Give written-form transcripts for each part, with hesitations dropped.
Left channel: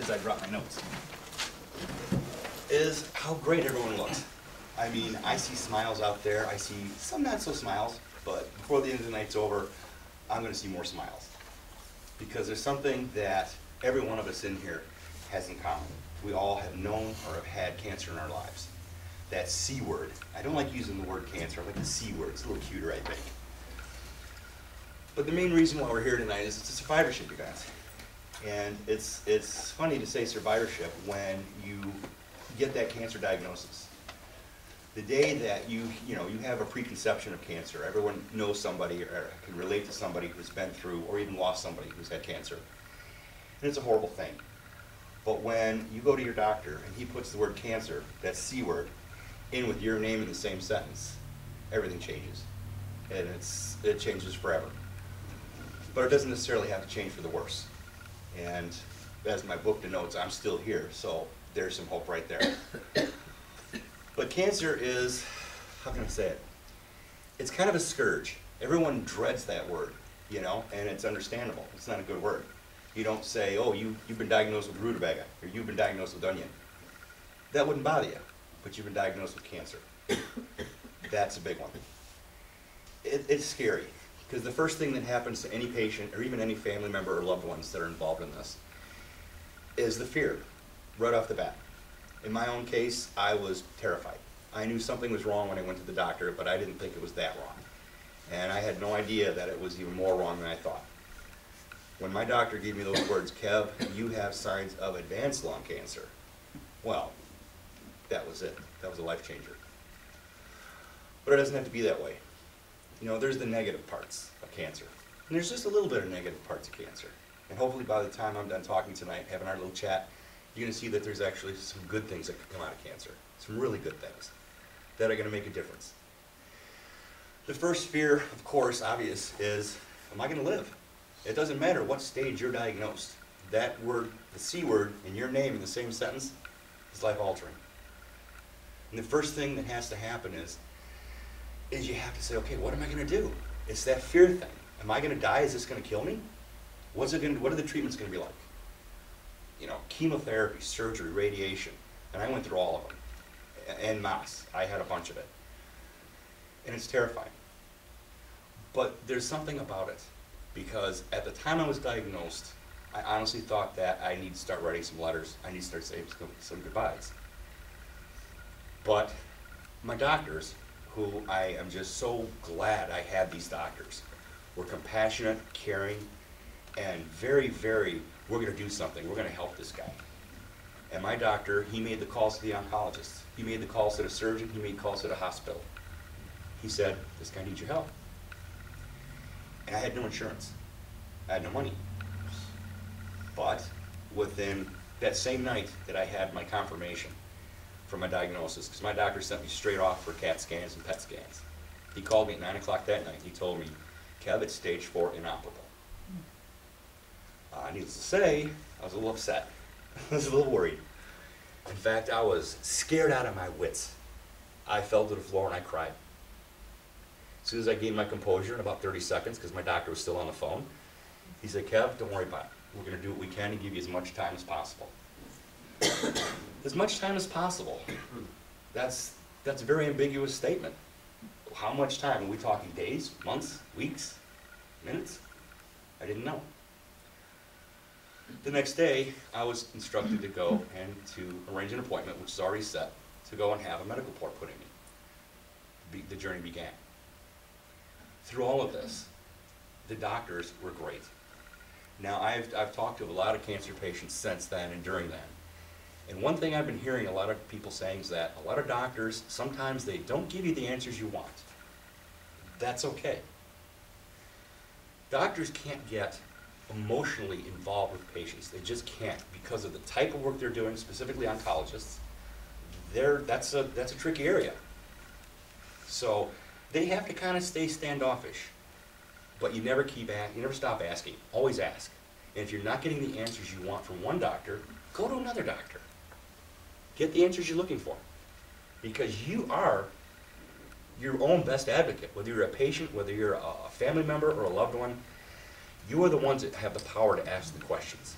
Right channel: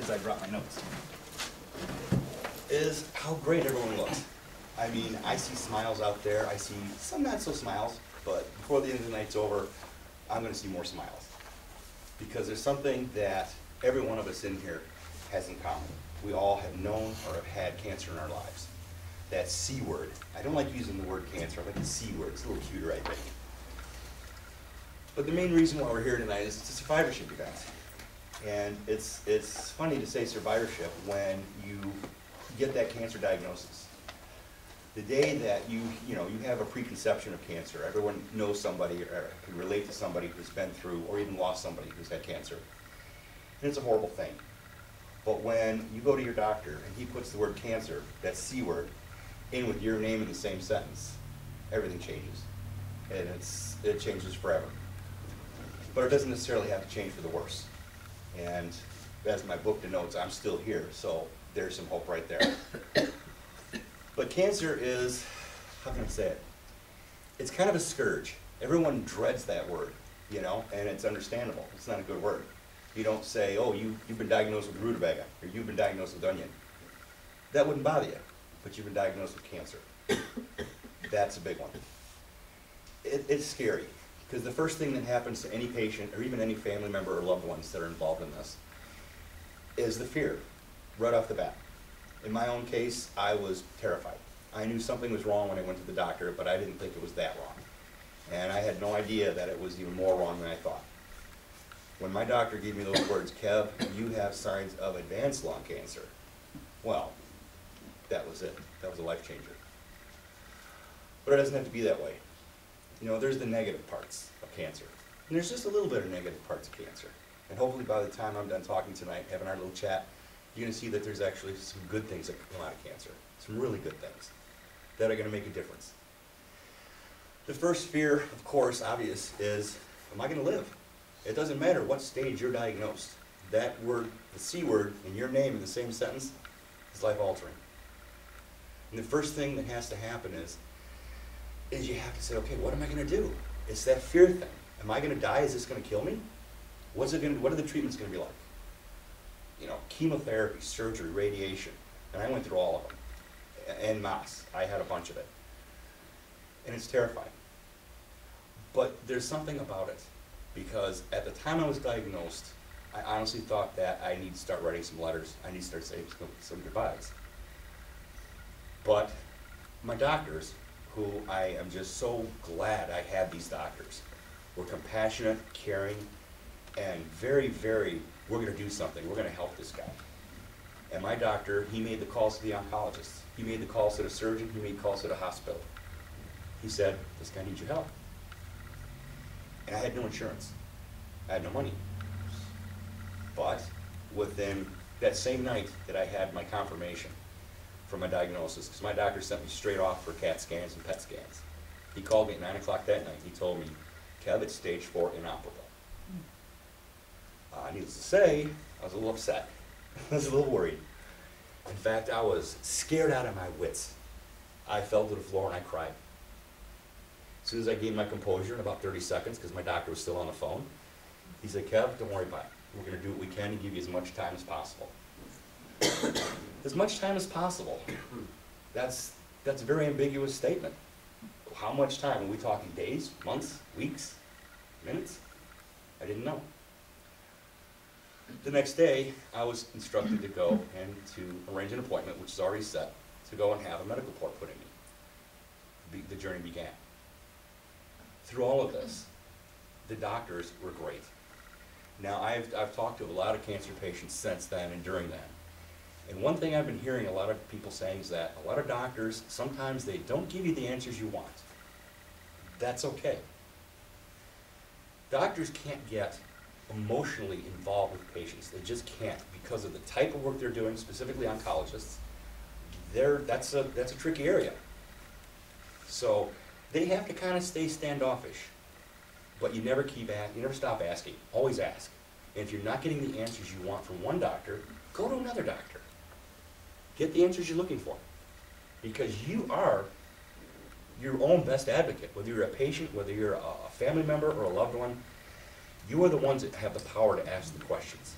as I drop my notes, is how great everyone looks. I mean, I see smiles out there. I see some not so smiles, but before the end of the night's over, I'm going to see more smiles. Because there's something that every one of us in here has in common. We all have known or have had cancer in our lives. That C word. I don't like using the word cancer. I like the C word. It's a little cuter, I think. But the main reason why we're here tonight is it's a survivorship event. And it's funny to say survivorship when you get that cancer diagnosis. The day that you have a preconception of cancer, everyone knows somebody or can relate to somebody who's been through or even lost somebody who's had cancer. And it's a horrible thing. But when you go to your doctor and he puts the word cancer, that C word, in with your name in the same sentence, everything changes. And it changes forever. But it doesn't necessarily have to change for the worse. And as my book denotes, I'm still here, so there's some hope right there. But cancer is, how can I say it? It's kind of a scourge. Everyone dreads that word, and it's understandable. It's not a good word. You don't say, oh, you've been diagnosed with rutabaga, or you've been diagnosed with onion. That wouldn't bother you, but you've been diagnosed with cancer. That's a big one. It's scary, because the first thing that happens to any patient, or even any family member or loved ones that are involved in this, is the fear, right off the bat. In my own case, I was terrified. I knew something was wrong when I went to the doctor, but I didn't think it was that wrong. And I had no idea that it was even more wrong than I thought. When my doctor gave me those words, Kev, you have signs of advanced lung cancer, well, that was it. That was a life changer. But it doesn't have to be that way. There's the negative parts of cancer. And there's just a little bit of negative parts of cancer. And hopefully by the time I'm done talking tonight, having our little chat, you're going to see that there's actually some good things that can come out of cancer. Some really good things that are going to make a difference. The first fear, of course, obvious, is, am I going to live? It doesn't matter what stage you're diagnosed. That word, the C word, in your name in the same sentence is life-altering. And the first thing that has to happen is you have to say, okay, what am I going to do? It's that fear thing. Am I going to die? Is this going to kill me? What are the treatments going to be like? Chemotherapy, surgery, radiation. And I went through all of them. En masse. I had a bunch of it. And it's terrifying. But there's something about it. Because at the time I was diagnosed, I honestly thought that I need to start writing some letters. I need to start saying some goodbyes. But my doctors, who I am just so glad I had these doctors, were compassionate, caring, and very, very, we're going to do something. We're going to help this guy. And my doctor, he made the calls to the oncologist. He made the calls to the surgeon. He made calls to the hospital. He said, this guy needs your help. And I had no insurance. I had no money. But within that same night that I had my confirmation for my diagnosis, because my doctor sent me straight off for CAT scans and PET scans. He called me at 9 o'clock that night. He told me, Kev, it's stage 4 inoperable. Needless to say, I was a little upset. I was a little worried. In fact, I was scared out of my wits. I fell to the floor and I cried. As soon as I gained my composure in about 30 seconds, because my doctor was still on the phone, he said, Kev, don't worry about it. We're going to do what we can to give you as much time as possible. As much time as possible. That's a very ambiguous statement. How much time? Are we talking days, months, weeks, minutes? I didn't know. The next day, I was instructed to go and to arrange an appointment, which is already set, to go and have a medical port put in me. The journey began. Through all of this, the doctors were great. Now, I've talked to a lot of cancer patients since then and during then. And one thing I've been hearing a lot of people saying is that a lot of doctors, sometimes they don't give you the answers you want. That's okay. Doctors can't get emotionally involved with patients. They just can't because of the type of work they're doing, specifically oncologists. That's a tricky area. So they have to kind of stay standoffish. But you never stop asking. Always ask. And if you're not getting the answers you want from one doctor, go to another doctor. Get the answers you're looking for. Because you are your own best advocate. Whether you're a patient, whether you're a family member or a loved one, you are the ones that have the power to ask the questions.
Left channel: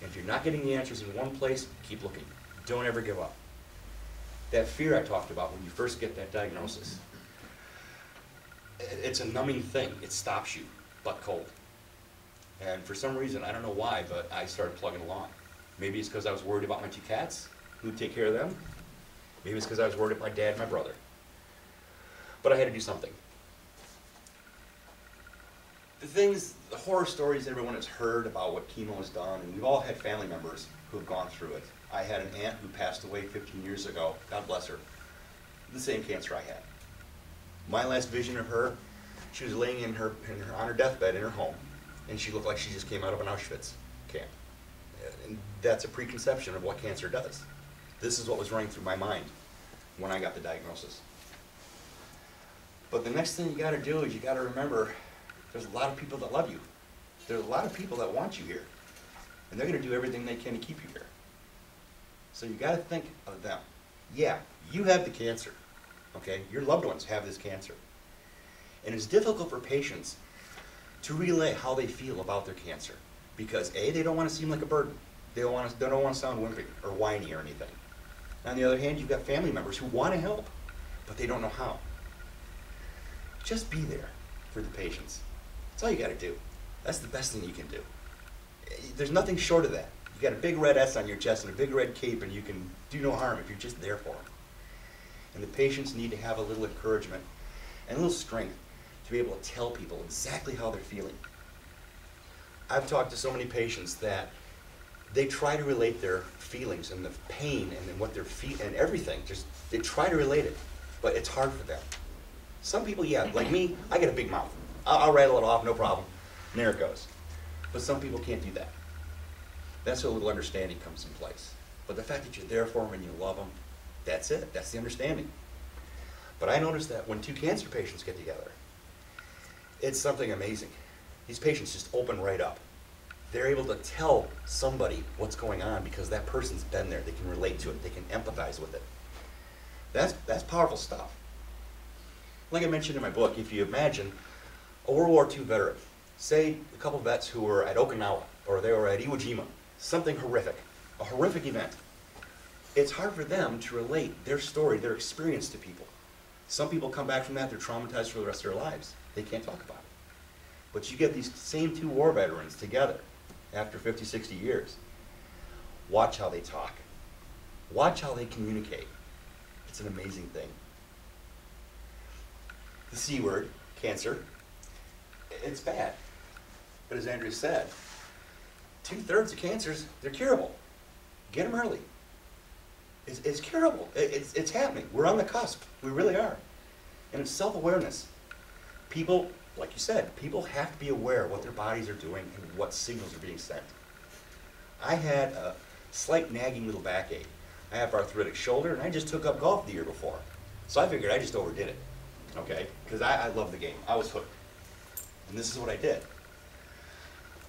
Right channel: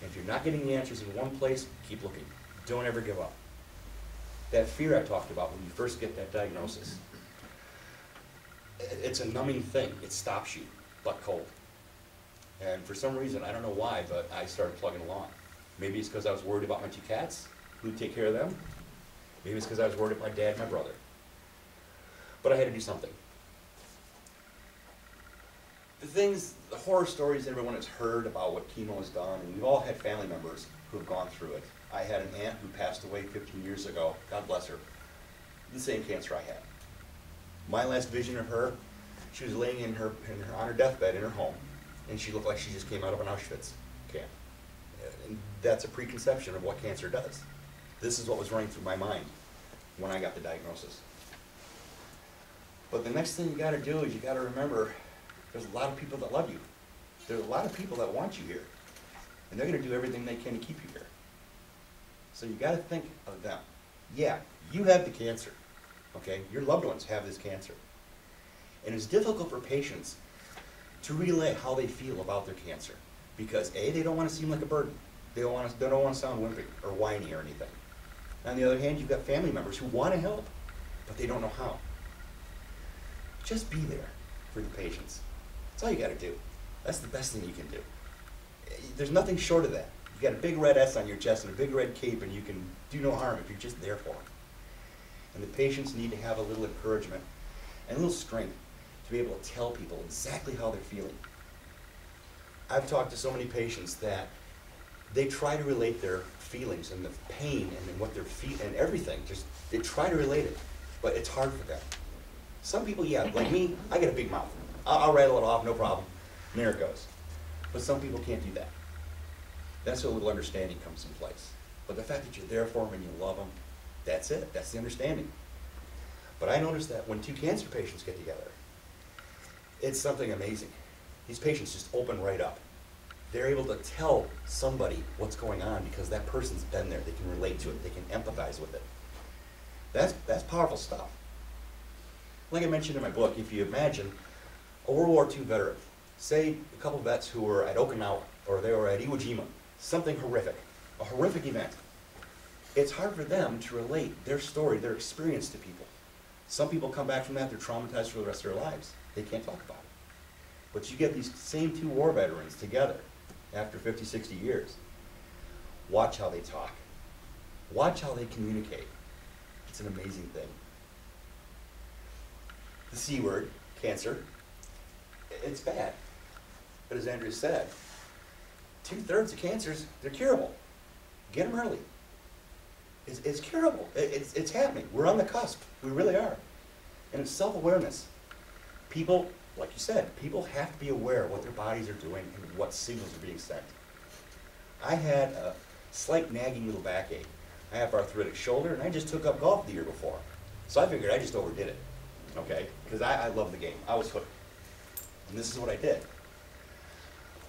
And if you're not getting the answers in one place, keep looking. Don't ever give up. That fear I talked about when you first get that diagnosis, it's a numbing thing. It stops you, butt cold. And for some reason, I don't know why, but I started plugging along. Maybe it's because I was worried about my 2 cats, who'd take care of them. Maybe it's because I was worried about my dad and my brother. But I had to do something. The horror stories everyone has heard about what chemo has done, and we've all had family members who have gone through it. I had an aunt who passed away 15 years ago, God bless her, the same cancer I had. My last vision of her, she was laying on her deathbed in her home, and she looked like she just came out of an Auschwitz camp. And that's a preconception of what cancer does. This is what was running through my mind when I got the diagnosis. But the next thing you got to do is you got to remember there's a lot of people that love you. There's a lot of people that want you here. And they're going to do everything they can to keep you here. So you got to think of them. Yeah, you have the cancer. Okay? Your loved ones have this cancer. And it's difficult for patients to relay how they feel about their cancer. Because A, they don't want to seem like a burden. They don't want to sound wimpy or whiny or anything. On the other hand, you've got family members who want to help, but they don't know how. Just be there for the patients. That's all you got to do. That's the best thing you can do. There's nothing short of that. You got a big red S on your chest and a big red cape, and you can do no harm if you're just there for them. And the patients need to have a little encouragement and a little strength to be able to tell people exactly how they're feeling. I've talked to so many patients that they try to relate their feelings and the pain and what they're feeling and everything. They try to relate it, but it's hard for them. Some people, yeah, like me, I get a big mouth. I'll rattle it off, no problem. And there it goes. But some people can't do that. That's where a little understanding comes in place. But the fact that you're there for them and you love them, that's it. That's the understanding. But I noticed that when 2 cancer patients get together, it's something amazing. These patients just open right up. They're able to tell somebody what's going on because that person's been there. They can relate to it. They can empathize with it. That's powerful stuff. Like I mentioned in my book, if you imagine a World War II veteran, say a couple vets who were at Okinawa or they were at Iwo Jima, something horrific, a horrific event. It's hard for them to relate their story, their experience to people. Some people come back from that, they're traumatized for the rest of their lives. They can't talk about it. But you get these same 2 war veterans together after 50, 60 years. Watch how they talk. Watch how they communicate. It's an amazing thing. The C word, cancer, it's bad. But as Andrew said, 2/3 of cancers, they're curable. Get them early. It's curable. It's happening. We're on the cusp. We really are. And it's self-awareness. People, like you said, people have to be aware of what their bodies are doing and what signals are being sent. I had a slight nagging little backache. I have arthritic shoulder, and I just took up golf the year before. So I figured I just overdid it, okay? Because I love the game. I was hooked. And this is what I did.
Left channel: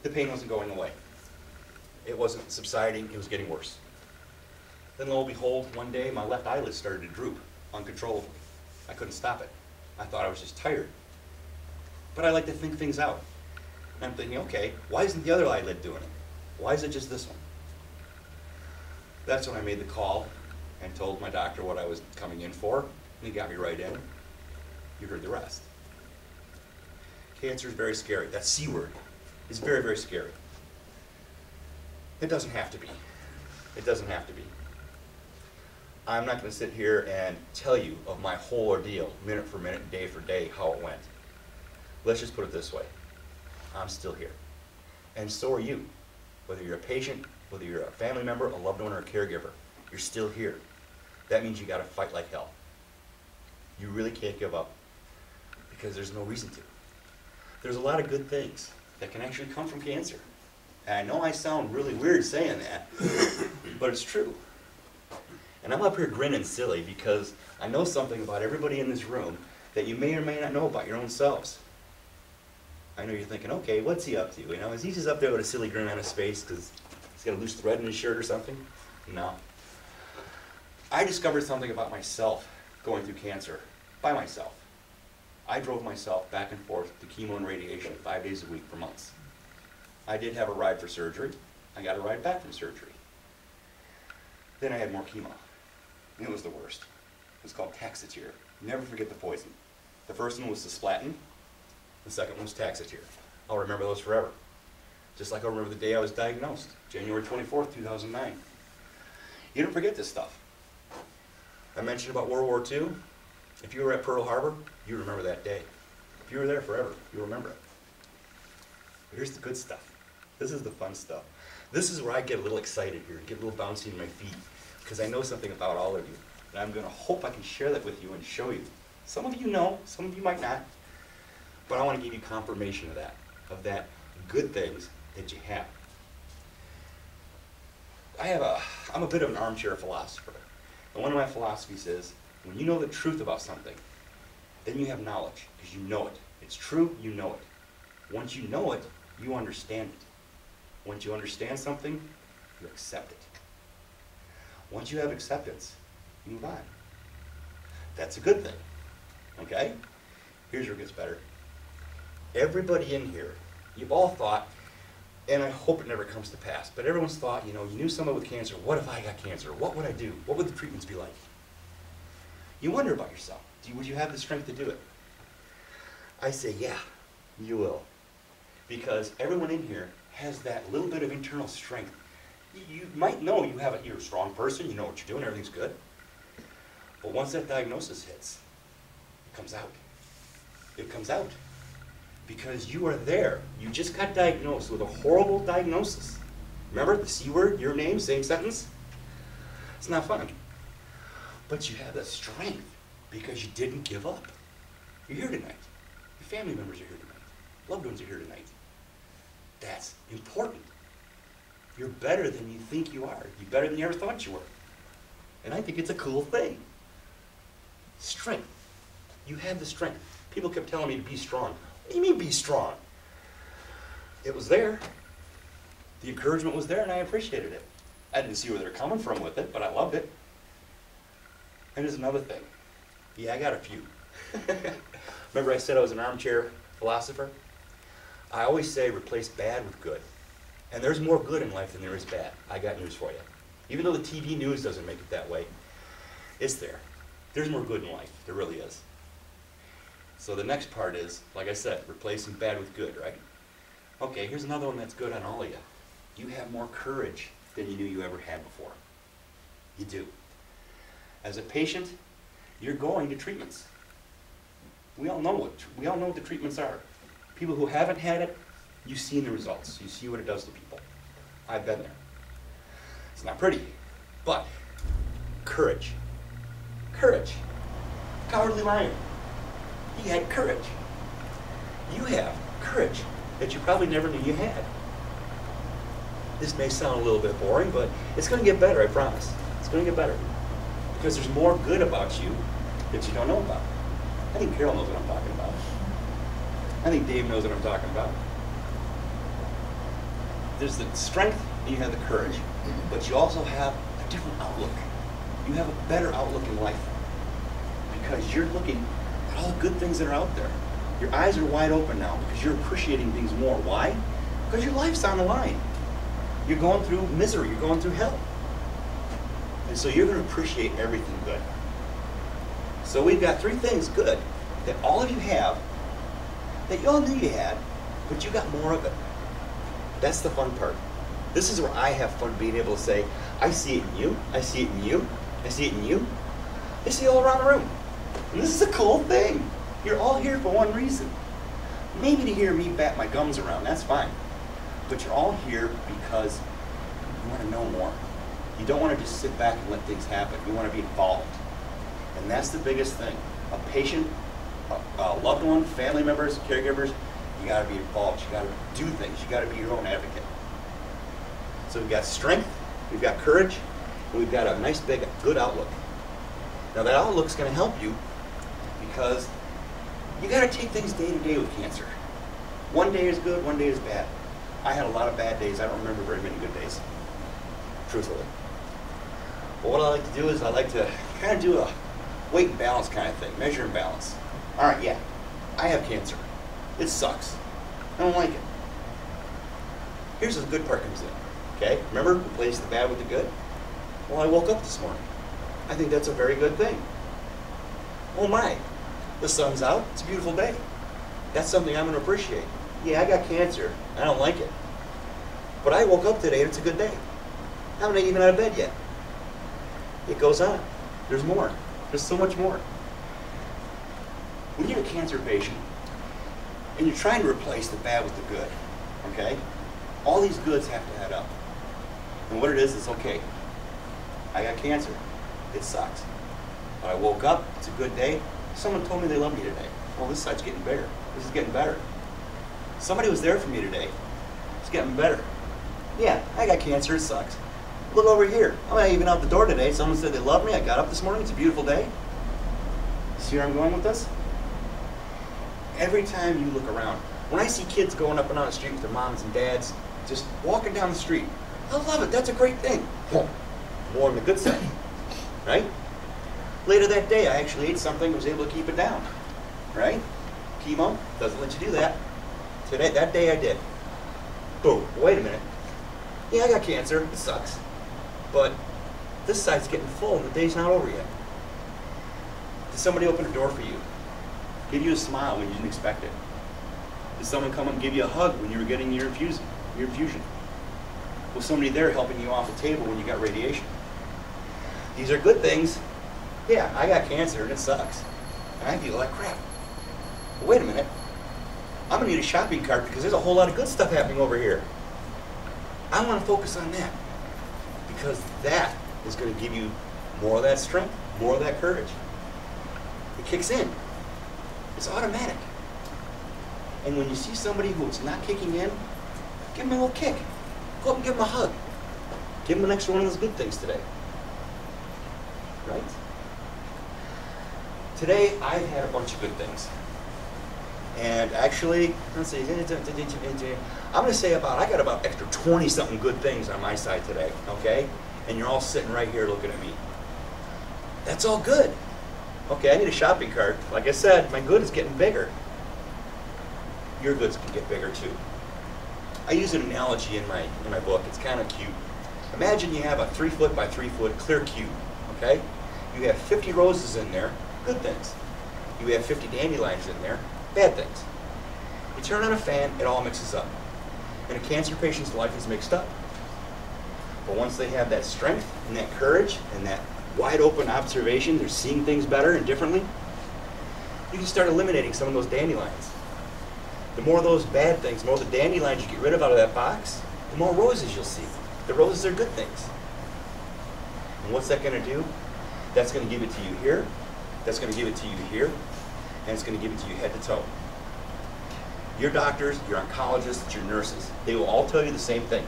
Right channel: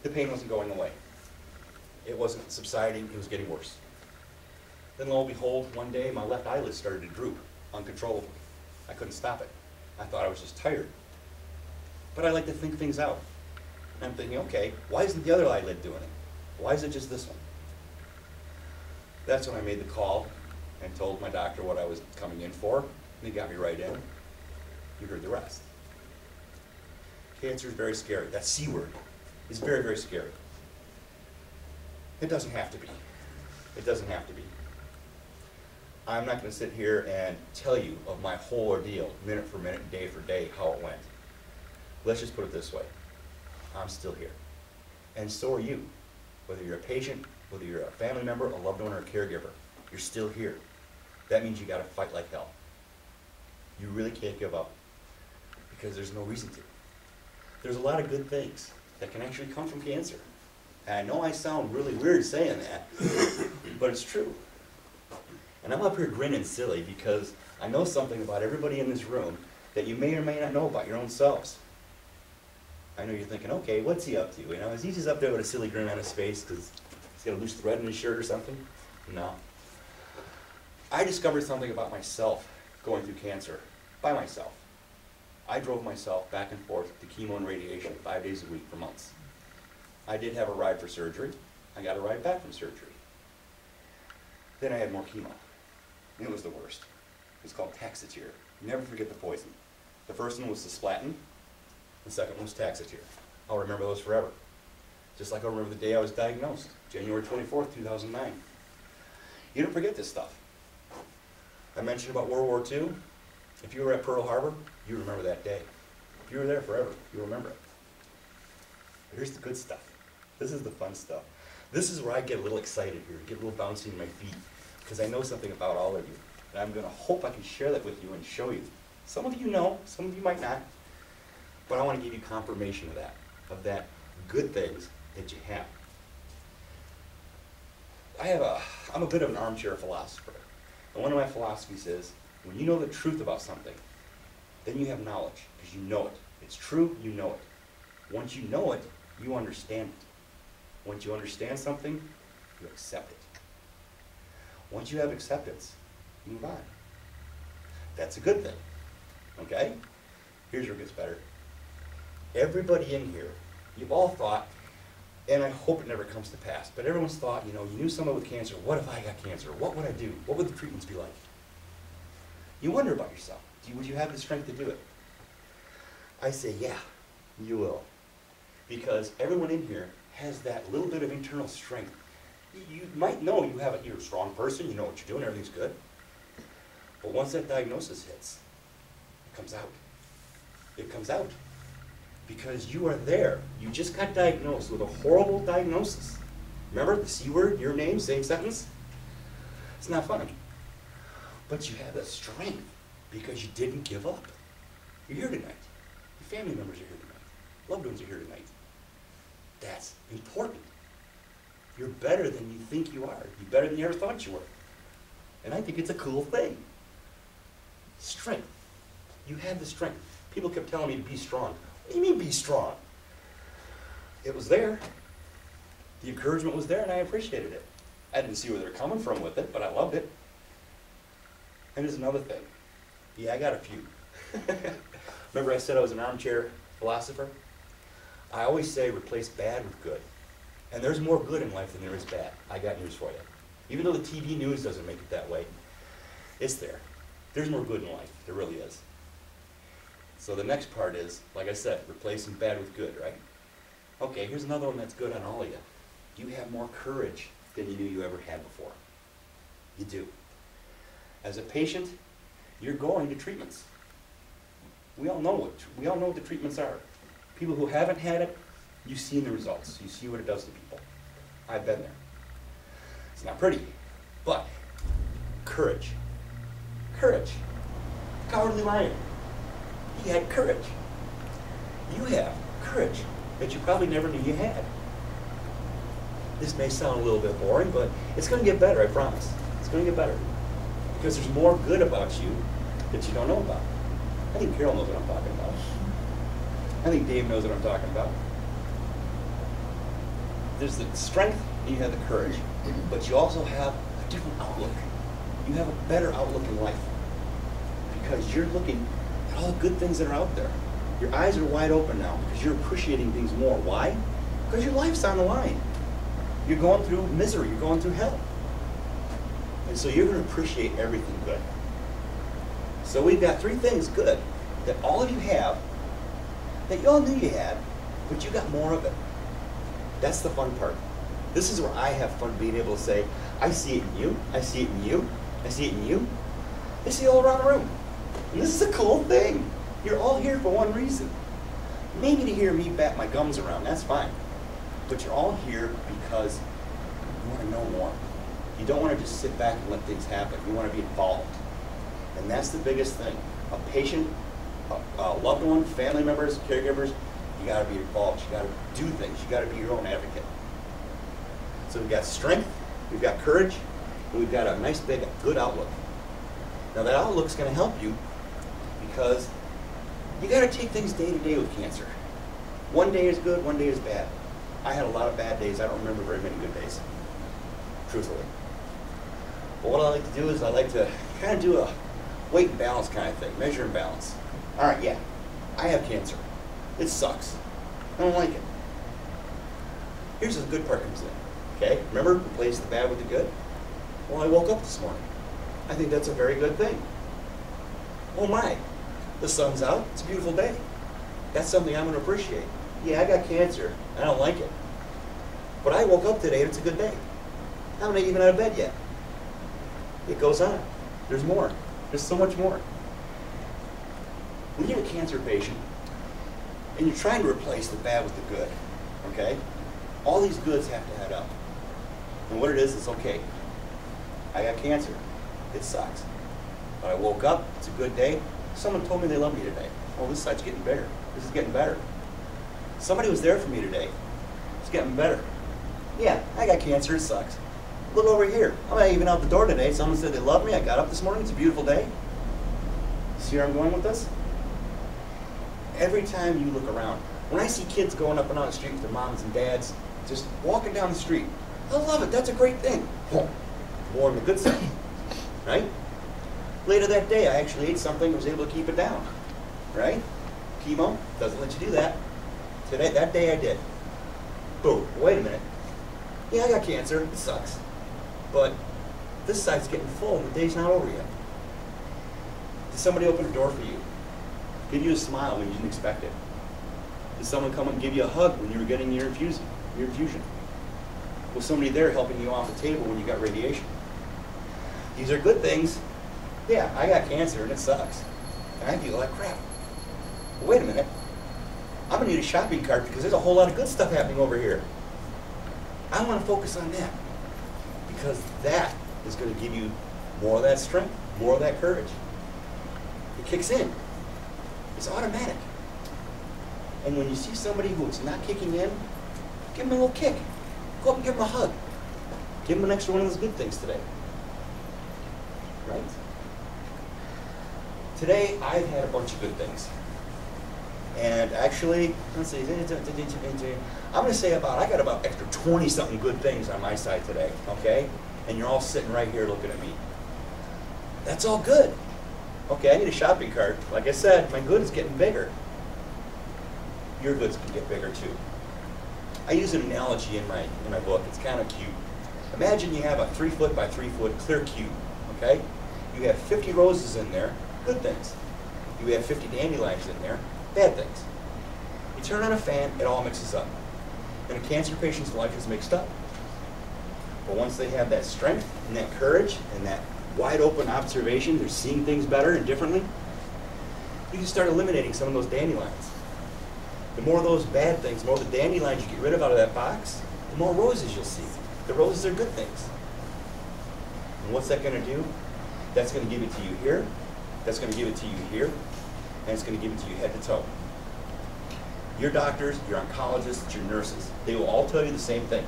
The pain wasn't going away. It wasn't subsiding. It was getting worse. Then lo and behold, one day my left eyelid started to droop uncontrollably. I couldn't stop it. I thought I was just tired. But I like to think things out. And I'm thinking, okay, why isn't the other eyelid doing it? Why is it just this one? That's when I made the call and told my doctor what I was coming in for, and he got me right in. You heard the rest. Cancer is very scary. That C word is very, very scary. It doesn't have to be. It doesn't have to be. I'm not going to sit here and tell you of my whole ordeal, minute for minute, day for day, how it went. Let's just put it this way. I'm still here. And so are you. Whether you're a patient, whether you're a family member, a loved one, or a caregiver, you're still here. That means you got to fight like hell. You really can't give up because there's no reason to. There's a lot of good things that can actually come from cancer. And I know I sound really weird saying that, but it's true. And I'm up here grinning silly because I know something about everybody in this room that you may or may not know about your own selves. I know you're thinking, okay, what's he up to? You know, is he just up there with a silly grin on his face because he's got a loose thread in his shirt or something? No. I discovered something about myself going through cancer by myself. I drove myself back and forth to chemo and radiation 5 days a week for months. I did have a ride for surgery. I got a ride back from surgery. Then I had more chemo. It was the worst. It was called Taxotere. Never forget the poison. The first one was cisplatin. The second one was Taxotere. I'll remember those forever. Just like I'll remember the day I was diagnosed, January 24th, 2009. You don't forget this stuff. I mentioned about World War II. If you were at Pearl Harbor, you remember that day. If you were there forever, you remember it. But here's the good stuff. This is the fun stuff. This is where I get a little excited here, get a little bouncy in my feet, because I know something about all of you. And I'm going to hope I can share that with you and show you. Some of you know, some of you might not. But I want to give you confirmation of that good things that you have. I'm a bit of an armchair philosopher. And one of my philosophies is, when you know the truth about something, then you have knowledge, because you know it. It's true, you know it. Once you know it, you understand it. Once you understand something, you accept it. Once you have acceptance, you move on. That's a good thing, okay? Here's where it gets better. Everybody in here, you've all thought, and I hope it never comes to pass, but everyone's thought, you knew someone with cancer. What if I got cancer? What would I do? What would the treatments be like? You wonder about yourself. Would you have the strength to do it? I say, yeah, you will. Because everyone in here has that little bit of internal strength. You might know you're a strong person, you know what you're doing, everything's good. But once that diagnosis hits, it comes out. It comes out. Because you are there. You just got diagnosed with a horrible diagnosis. Remember the C word, your name, same sentence? It's not fun. But you have that strength because you didn't give up. You're here tonight. Your family members are here tonight. Loved ones are here tonight. That's important. You're better than you think you are. You're better than you ever thought you were. And I think it's a cool thing. Strength. You have the strength. People kept telling me to be strong. What do you mean be strong? It was there. The encouragement was there and I appreciated it. I didn't see where they're coming from with it, but I loved it. And there's another thing. Yeah, I got a few. Remember I said I was an armchair philosopher? I always say replace bad with good. And there's more good in life than there is bad. I got news for you. Even though the TV news doesn't make it that way, it's there. There's more good in life. There really is. So the next part is, like I said, replacing bad with good, right? Okay, here's another one that's good on all of you. You have more courage than you knew you ever had before. You do. As a patient, you're going to treatments. We all know what the treatments are. People who haven't had it, you've seen the results. You see what it does to people. I've been there. It's not pretty, but courage. Courage. Cowardly lion. He had courage. You have courage that you probably never knew you had. This may sound a little bit boring, but it's going to get better, I promise. It's going to get better. Because there's more good about you that you don't know about. I think Carol knows what I'm talking about. I think Dave knows what I'm talking about. There's the strength and you have the courage, but you also have a different outlook. You have a better outlook in life because you're looking at all the good things that are out there. Your eyes are wide open now because you're appreciating things more. Why? Because your life's on the line. You're going through misery. You're going through hell. And so you're going to appreciate everything good. So we've got 3 things good that all of you have that you all knew you had, but you got more of it. That's the fun part. This is where I have fun being able to say, I see it in you, I see it in you, I see it in you. I see it all around the room. And this is a cool thing. You're all here for one reason. Maybe to hear me bat my gums around, that's fine. But you're all here because you want to know more. You don't want to just sit back and let things happen. You want to be involved. And that's the biggest thing. A patient, a loved one, family members, caregivers, you got to be involved. You got to do things. You got to be your own advocate. So we've got strength, we've got courage, and we've got a nice big good outlook. Now that outlook's going to help you because you got to take things day to day with cancer. One day is good, one day is bad. I had a lot of bad days. I don't remember very many good days, truthfully. But what I like to do is I like to kind of do a weight and balance kind of thing, measure and balance. All right, yeah, I have cancer. It sucks. I don't like it. Here's where the good part comes in. Okay, remember, replace the bad with the good? Well, I woke up this morning. I think that's a very good thing. Oh my, the sun's out, it's a beautiful day. That's something I'm gonna appreciate. Yeah, I got cancer, I don't like it. But I woke up today and it's a good day. I'm not even out of bed yet. It goes on. There's more. There's so much more. When you're a cancer patient and you're trying to replace the bad with the good, okay? All these goods have to add up. And what it is okay. I got cancer. It sucks. But I woke up, it's a good day. Someone told me they love me today. Oh, this side's getting bigger. This is getting better. Somebody was there for me today. It's getting better. Yeah, I got cancer, it sucks. Look over here. I'm not even out the door today. Someone said they love me. I got up this morning. It's a beautiful day. See where I'm going with this? Every time you look around, when I see kids going up and down the street with their moms and dads, just walking down the street, I love it. That's a great thing. More on the good side, right? Later that day, I actually ate something and was able to keep it down, right? Chemo doesn't let you do that. Today, that day I did. Boom. Wait a minute. Yeah, I got cancer. It sucks. But this side's getting full and the day's not over yet. Did somebody open a door for you? Give you a smile when you didn't expect it? Did someone come and give you a hug when you were getting your infusion? Was somebody there helping you off the table when you got radiation? These are good things. Yeah, I got cancer and it sucks. And I feel like crap. But wait a minute. I'm gonna need a shopping cart because there's a whole lot of good stuff happening over here. I want to focus on that because that is going to give you more of that strength, more of that courage. It kicks in. It's automatic. And when you see somebody who's not kicking in, give them a little kick. Go up and give them a hug. Give them an extra one of those good things today. Right? Today, I've had a bunch of good things. And actually, let's see, I'm going to say I got about extra 20-something good things on my side today, okay? And you're all sitting right here looking at me. That's all good. Okay, I need a shopping cart. Like I said, my good is getting bigger. Your goods can get bigger too. I use an analogy in my book. It's kind of cute. Imagine you have a 3-foot by 3-foot clear cube, okay? You have 50 roses in there, good things. You have 50 dandelions in there, bad things. You turn on a fan, it all mixes up. And a cancer patient's life is mixed up. But once they have that strength and that courage and that wide open observation, they're seeing things better and differently, you can start eliminating some of those dandelions. The more of those bad things, the more of the dandelions you get rid of out of that box, the more roses you'll see. The roses are good things. And what's that going to do? That's going to give it to you here, that's going to give it to you here, and it's going to give it to you head to toe. Your doctors, your oncologists, your nurses, they will all tell you the same thing.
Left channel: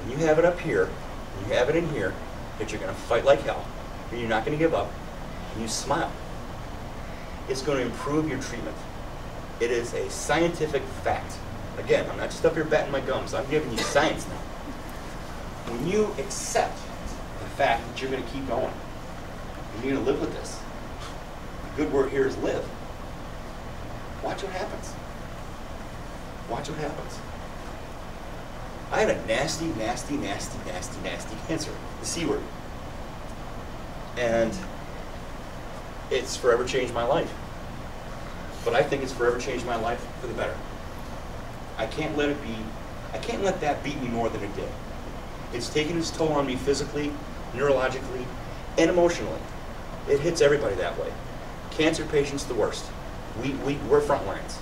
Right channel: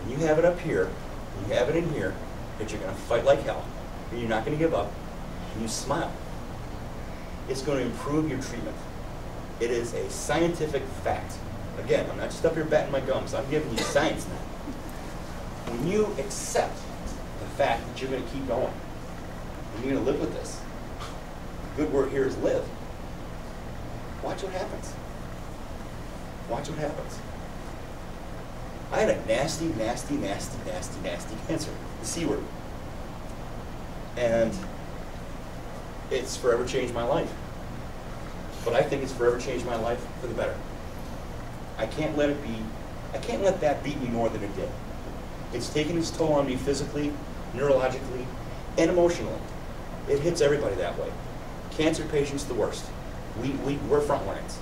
When you have it up here, and you have it in here, that you're going to fight like hell, and you're not going to give up, and you smile. It's going to improve your treatment. It is a scientific fact. Again, I'm not just up here batting my gums. I'm giving you science now. When you accept the fact that you're going to keep going, and you're going to live with this, the good word here is live. Watch what happens. Watch what happens. I had a nasty, nasty, nasty, nasty, nasty cancer, the C word. And it's forever changed my life. But I think it's forever changed my life for the better. I can't let that beat me more than it did. It's taken its toll on me physically, neurologically, and emotionally. It hits everybody that way. Cancer patients, the worst. We're front lines.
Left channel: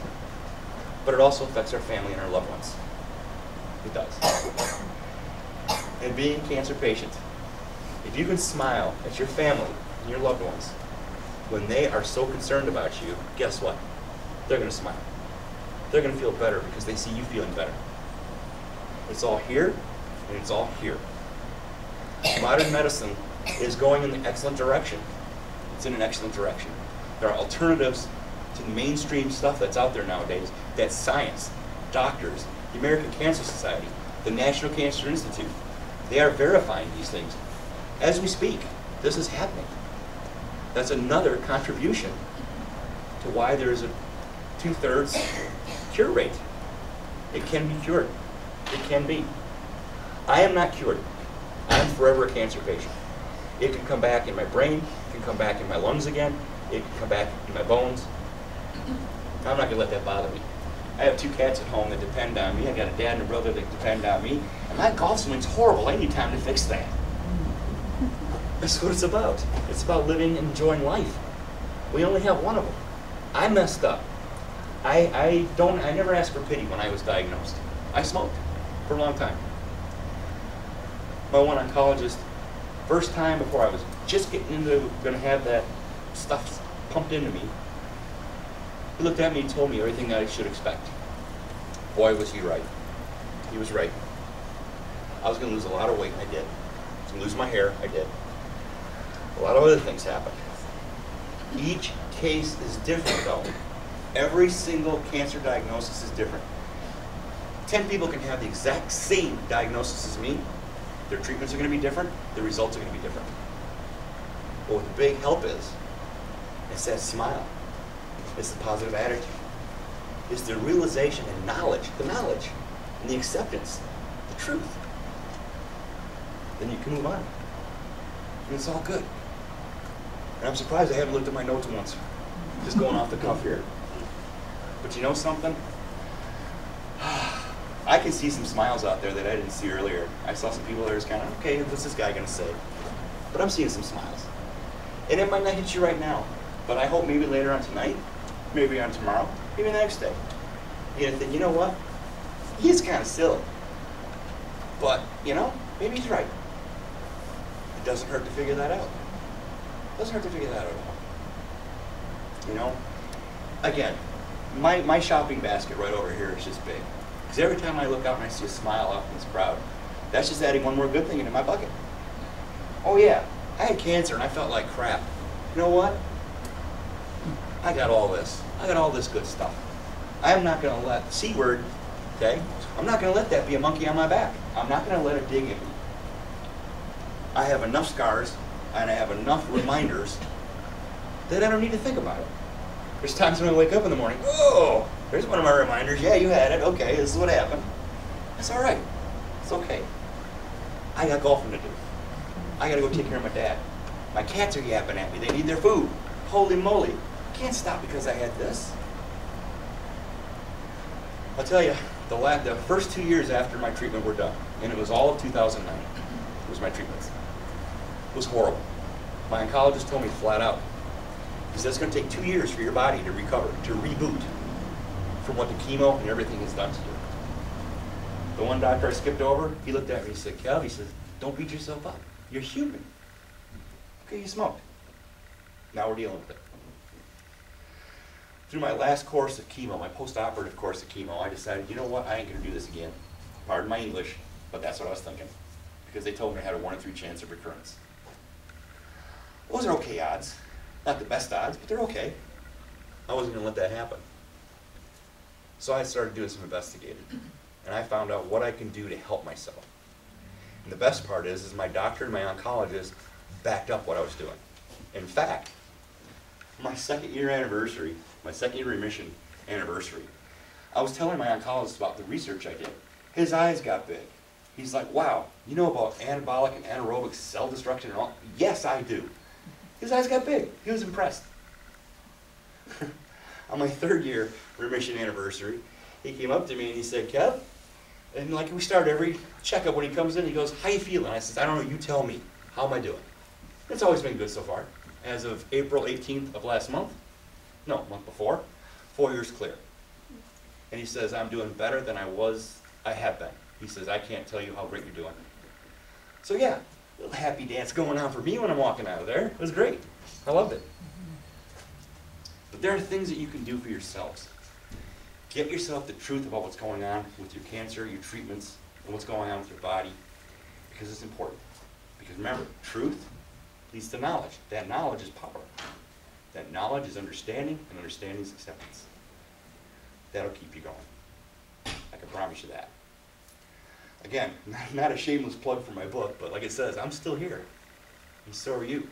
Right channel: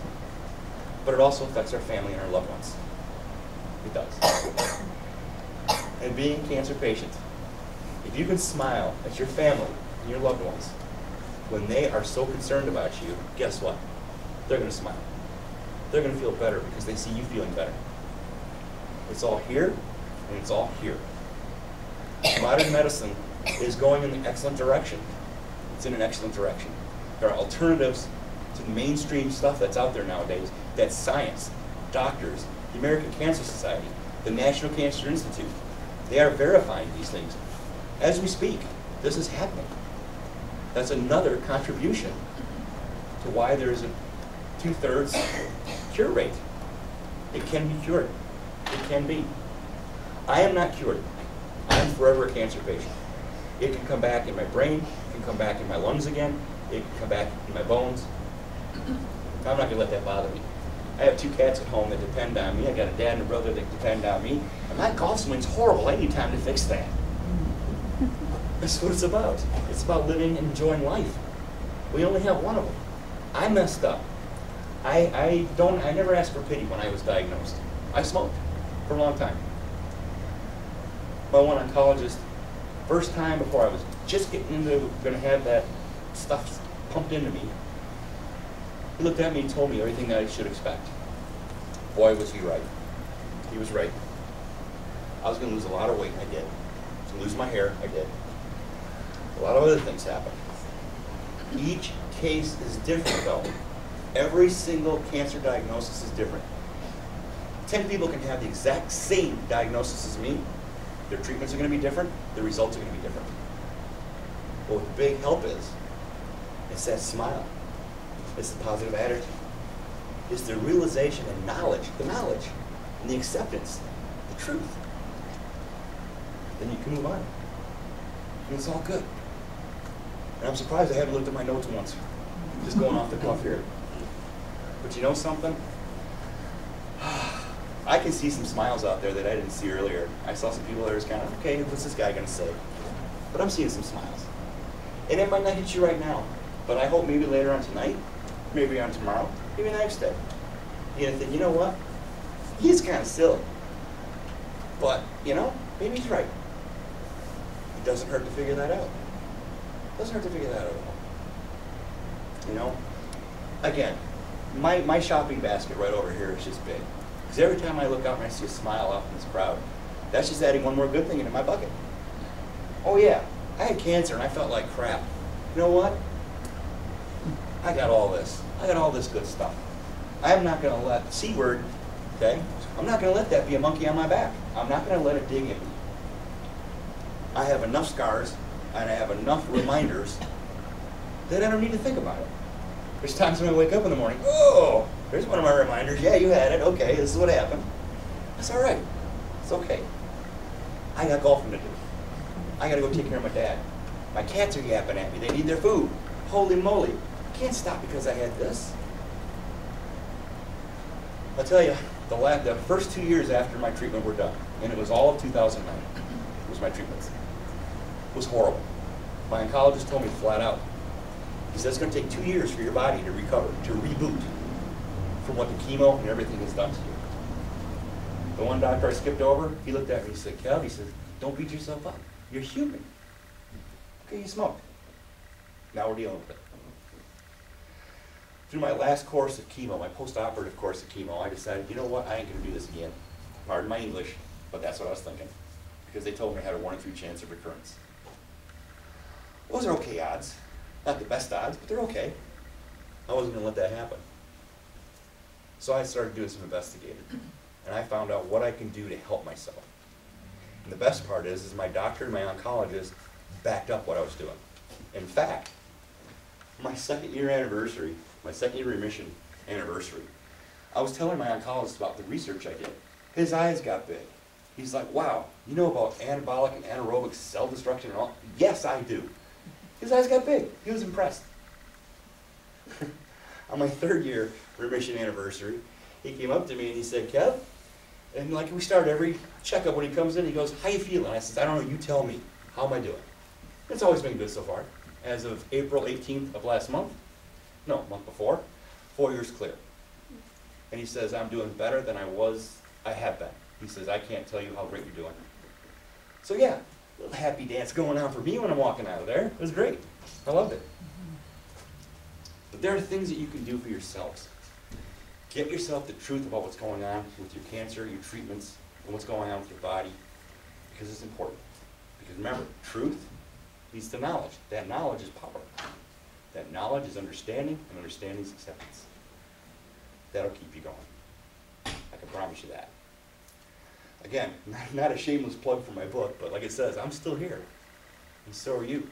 But it also affects our family and our loved ones. It does. And being a cancer patient, if you can smile at your family and your loved ones, when they are so concerned about you, guess what? They're going to smile. They're going to feel better because they see you feeling better. It's all here, and it's all here. Modern medicine is going in an excellent direction. It's in an excellent direction. There are alternatives to the mainstream stuff that's out there nowadays. That's science, doctors, the American Cancer Society, the National Cancer Institute. They are verifying these things. As we speak, this is happening. That's another contribution to why there's a 2/3 cure rate. It can be cured. It can be. I am not cured. I'm forever a cancer patient. It can come back in my brain, it can come back in my lungs again, it can come back in my bones. I'm not going to let that bother me. I have 2 cats at home that depend on me. I got a dad and a brother that depend on me. And my golf swing's horrible. I need time to fix that. That's what it's about. It's about living and enjoying life. We only have one of them. I messed up. I never asked for pity when I was diagnosed. I smoked for a long time. My one oncologist, first time before I was just getting into, going to have that stuff pumped into me, he looked at me and told me everything that I should expect. Boy, was he right. He was right. I was going to lose a lot of weight, I did. I was going to lose my hair, I did. A lot of other things happened. Each case is different, though. Every single cancer diagnosis is different. 10 people can have the exact same diagnosis as me. Their treatments are going to be different. Their results are going to be different. But what the big help is, it's that smile. It's the positive attitude. It's the realization and knowledge, and the acceptance, the truth. Then you can move on. And it's all good. And I'm surprised I haven't looked at my notes once. Just going off the cuff here. But you know something? I can see some smiles out there that I didn't see earlier. I saw some people that are kind of, okay, what's this guy going to say? But I'm seeing some smiles. And it might not hit you right now, but I hope maybe later on tonight, maybe on tomorrow, maybe the next day, you're going to think, you know what? He's kind of silly. But, you know, maybe he's right. It doesn't hurt to figure that out. It doesn't hurt to figure that out at all. You know? Again, my shopping basket right over here is just big. Because every time I look out and I see a smile out in this crowd, that's just adding one more good thing into my bucket. Oh yeah, I had cancer and I felt like crap. You know what? I got all this. I got all this good stuff. I'm not going to let the C word, okay? I'm not going to let that be a monkey on my back. I'm not going to let it dig at me. I have enough scars and I have enough reminders that I don't need to think about it. There's times when I wake up in the morning, oh, there's one of my reminders. Yeah, you had it. Okay, this is what happened. It's all right. It's okay. I got golfing to do. I got to go take care of my dad. My cats are yapping at me. They need their food. Holy moly. I can't stop because I had this. I'll tell you, the first 2 years after my treatment were done, and it was all of 2009, was my treatments. It was horrible. My oncologist told me flat out, he said, it's going to take 2 years for your body to recover, to reboot from what the chemo and everything has done to you. The one doctor I skipped over, he looked at me and he said, Kev, he says, don't beat yourself up. You're human. Okay, you smoked. Now we're dealing with it. Through my last course of chemo, my post-operative course of chemo, I decided, you know what, I ain't going to do this again. Pardon my English, but that's what I was thinking. Because they told me I had a 1 in 3 chance of recurrence. Those are okay odds. Not the best odds, but they're okay. I wasn't going to let that happen. So I started doing some investigating. And I found out what I can do to help myself. And the best part is my doctor and my oncologist backed up what I was doing. In fact, my 2nd year anniversary, my 2nd year remission anniversary, I was telling my oncologist about the research I did. His eyes got big. He's like, wow, you know about anabolic and anaerobic cell destruction and all? Yes, I do. His eyes got big. He was impressed. On my 3rd year remission anniversary, he came up to me and he said, Kev, and like we start every checkup when he comes in, he goes, how you feeling? I says, I don't know, you tell me. How am I doing? It's always been good so far. As of April 18th of last month, no, month before, 4 years clear. And he says, I'm doing better than I have been. He says, I can't tell you how great you're doing. So yeah, a little happy dance going on for me when I'm walking out of there. It was great. I loved it. But there are things that you can do for yourselves. Get yourself the truth about what's going on with your cancer, your treatments, and what's going on with your body, because it's important. Because remember, truth leads to knowledge. That knowledge is power. That knowledge is understanding, and understanding is acceptance. That'll keep you going. I can promise you that. Again, not a shameless plug for my book, but like it says, I'm still here, and so are you.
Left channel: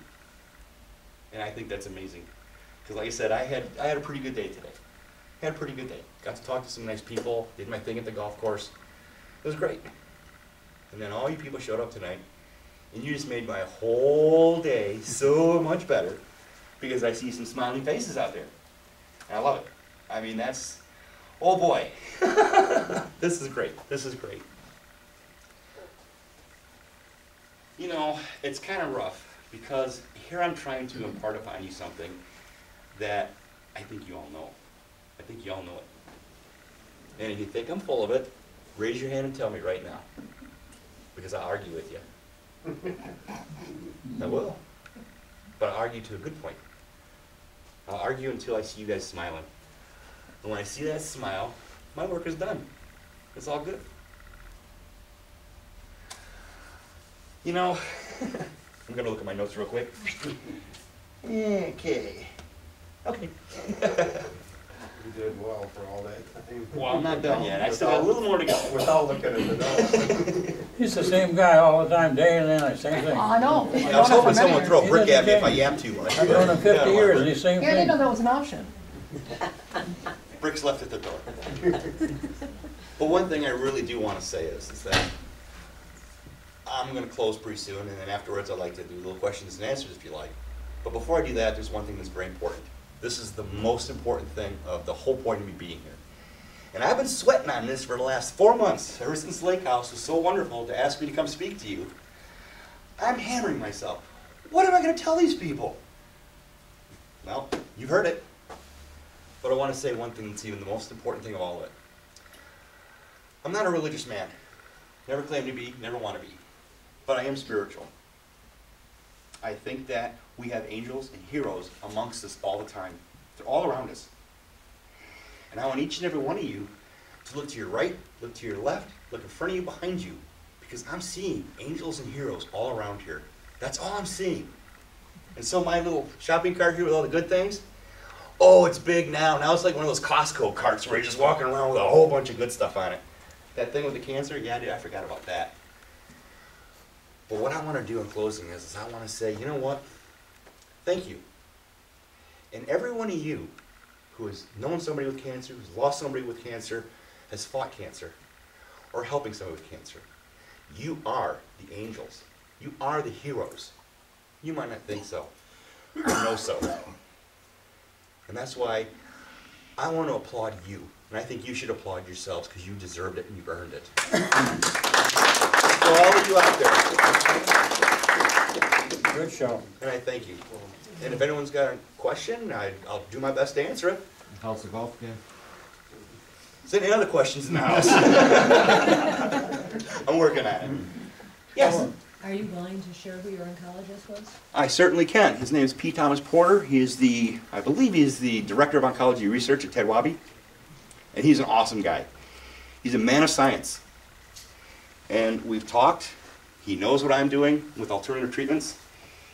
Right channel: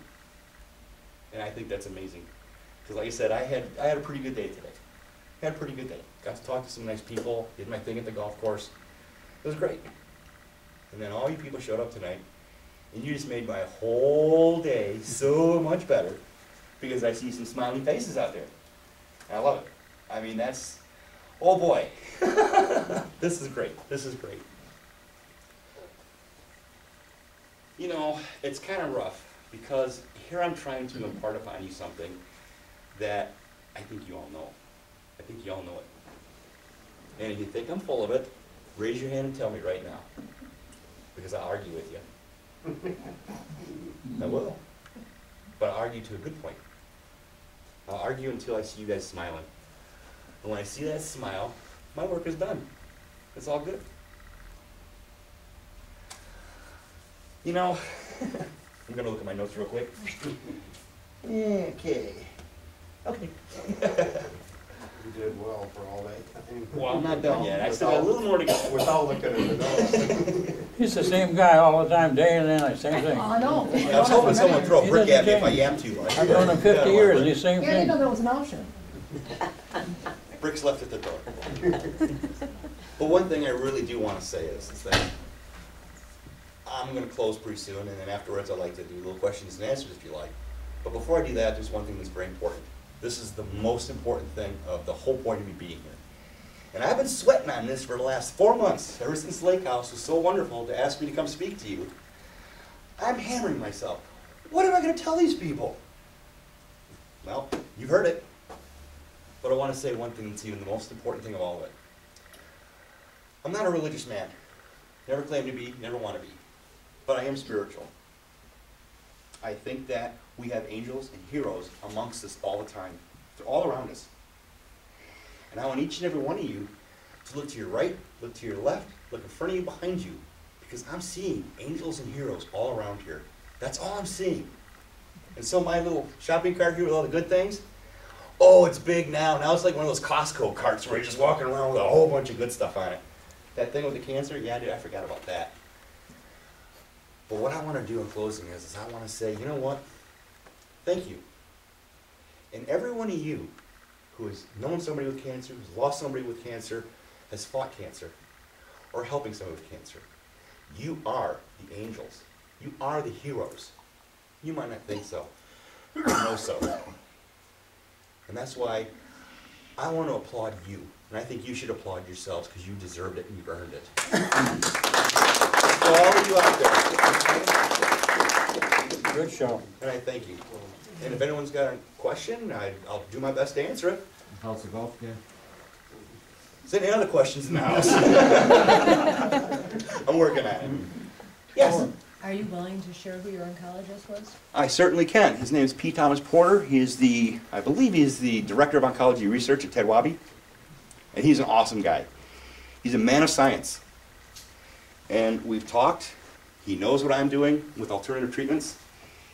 And I think that's amazing. Because like I said, I had a pretty good day today. Had a pretty good day. Got to talk to some nice people, did my thing at the golf course. It was great. And then all you people showed up tonight, and you just made my whole day so much better because I see some smiling faces out there. And I love it. I mean, that's, oh boy. This is great. This is great. You know, it's kind of rough because here I'm trying to impart upon you something that I think you all know. I think you all know it. And if you think I'm full of it, raise your hand and tell me right now. Because I'll argue with you. I will. But I'll argue to a good point. I'll argue until I see you guys smiling. And when I see that smile, my work is done. It's all good. You know, I'm going to look at my notes real quick. Okay. Okay. You did well for all that time. Well, I'm not done yet. I still got a little more to go. Without looking at the notes. He's the same guy all the time, day in and night, same thing. I know. I was hoping someone would throw a brick at me if I yap too much. I've known him 50 years, he's the same Yeah, I didn't know thing. that was an option. Bricks left at the door. But one thing I really do want to say is that I'm going to close pretty soon, and then afterwards I'd like to do little questions and answers if you like. But before I do that, there's one thing that's very important. This is the most important thing of the whole point of me being here. And I've been sweating on this for the last 4 months, ever since Lake House was so wonderful to ask me to come speak to you. I'm hammering myself. What am I going to tell these people? Well, you've heard it. But I want to say one thing that's even the most important thing of all of it. I'm not a religious man. Never claimed to be, never want to be. But I am spiritual. I think that we have angels and heroes amongst us all the time. They're all around us. And I want each and every one of you to look to your right, look to your left, look in front of you, behind you. Because I'm seeing angels and heroes all around here. That's all I'm seeing. And so my little shopping cart here with all the good things, oh, it's big now. Now it's like one of those Costco carts where you're just walking around with a whole bunch of good stuff on it. That thing with the cancer, yeah, dude, I forgot about that. But what I want to do in closing is I want to say, you know what? Thank you. And every one of you who has known somebody with cancer, who's lost somebody with cancer, has fought cancer, or helping somebody with cancer, you are the angels. You are the heroes. You might not think so, or know so. And that's why I want to applaud you. And I think you should applaud yourselves because you deserved it and you've earned it. So all of you out there, Good show. and I thank you. And if anyone's got a question, I'll do my best to answer it. How's the golf game? Is there any other questions in the house? I'm working on it. Yes? Are you willing to share who your oncologist was? I certainly can. His name is P. Thomas Porter. He is I believe he's the Director of Oncology Research at Ted Wabi. And he's an awesome guy. He's a man of science. And we've talked. He knows what I'm doing with alternative treatments.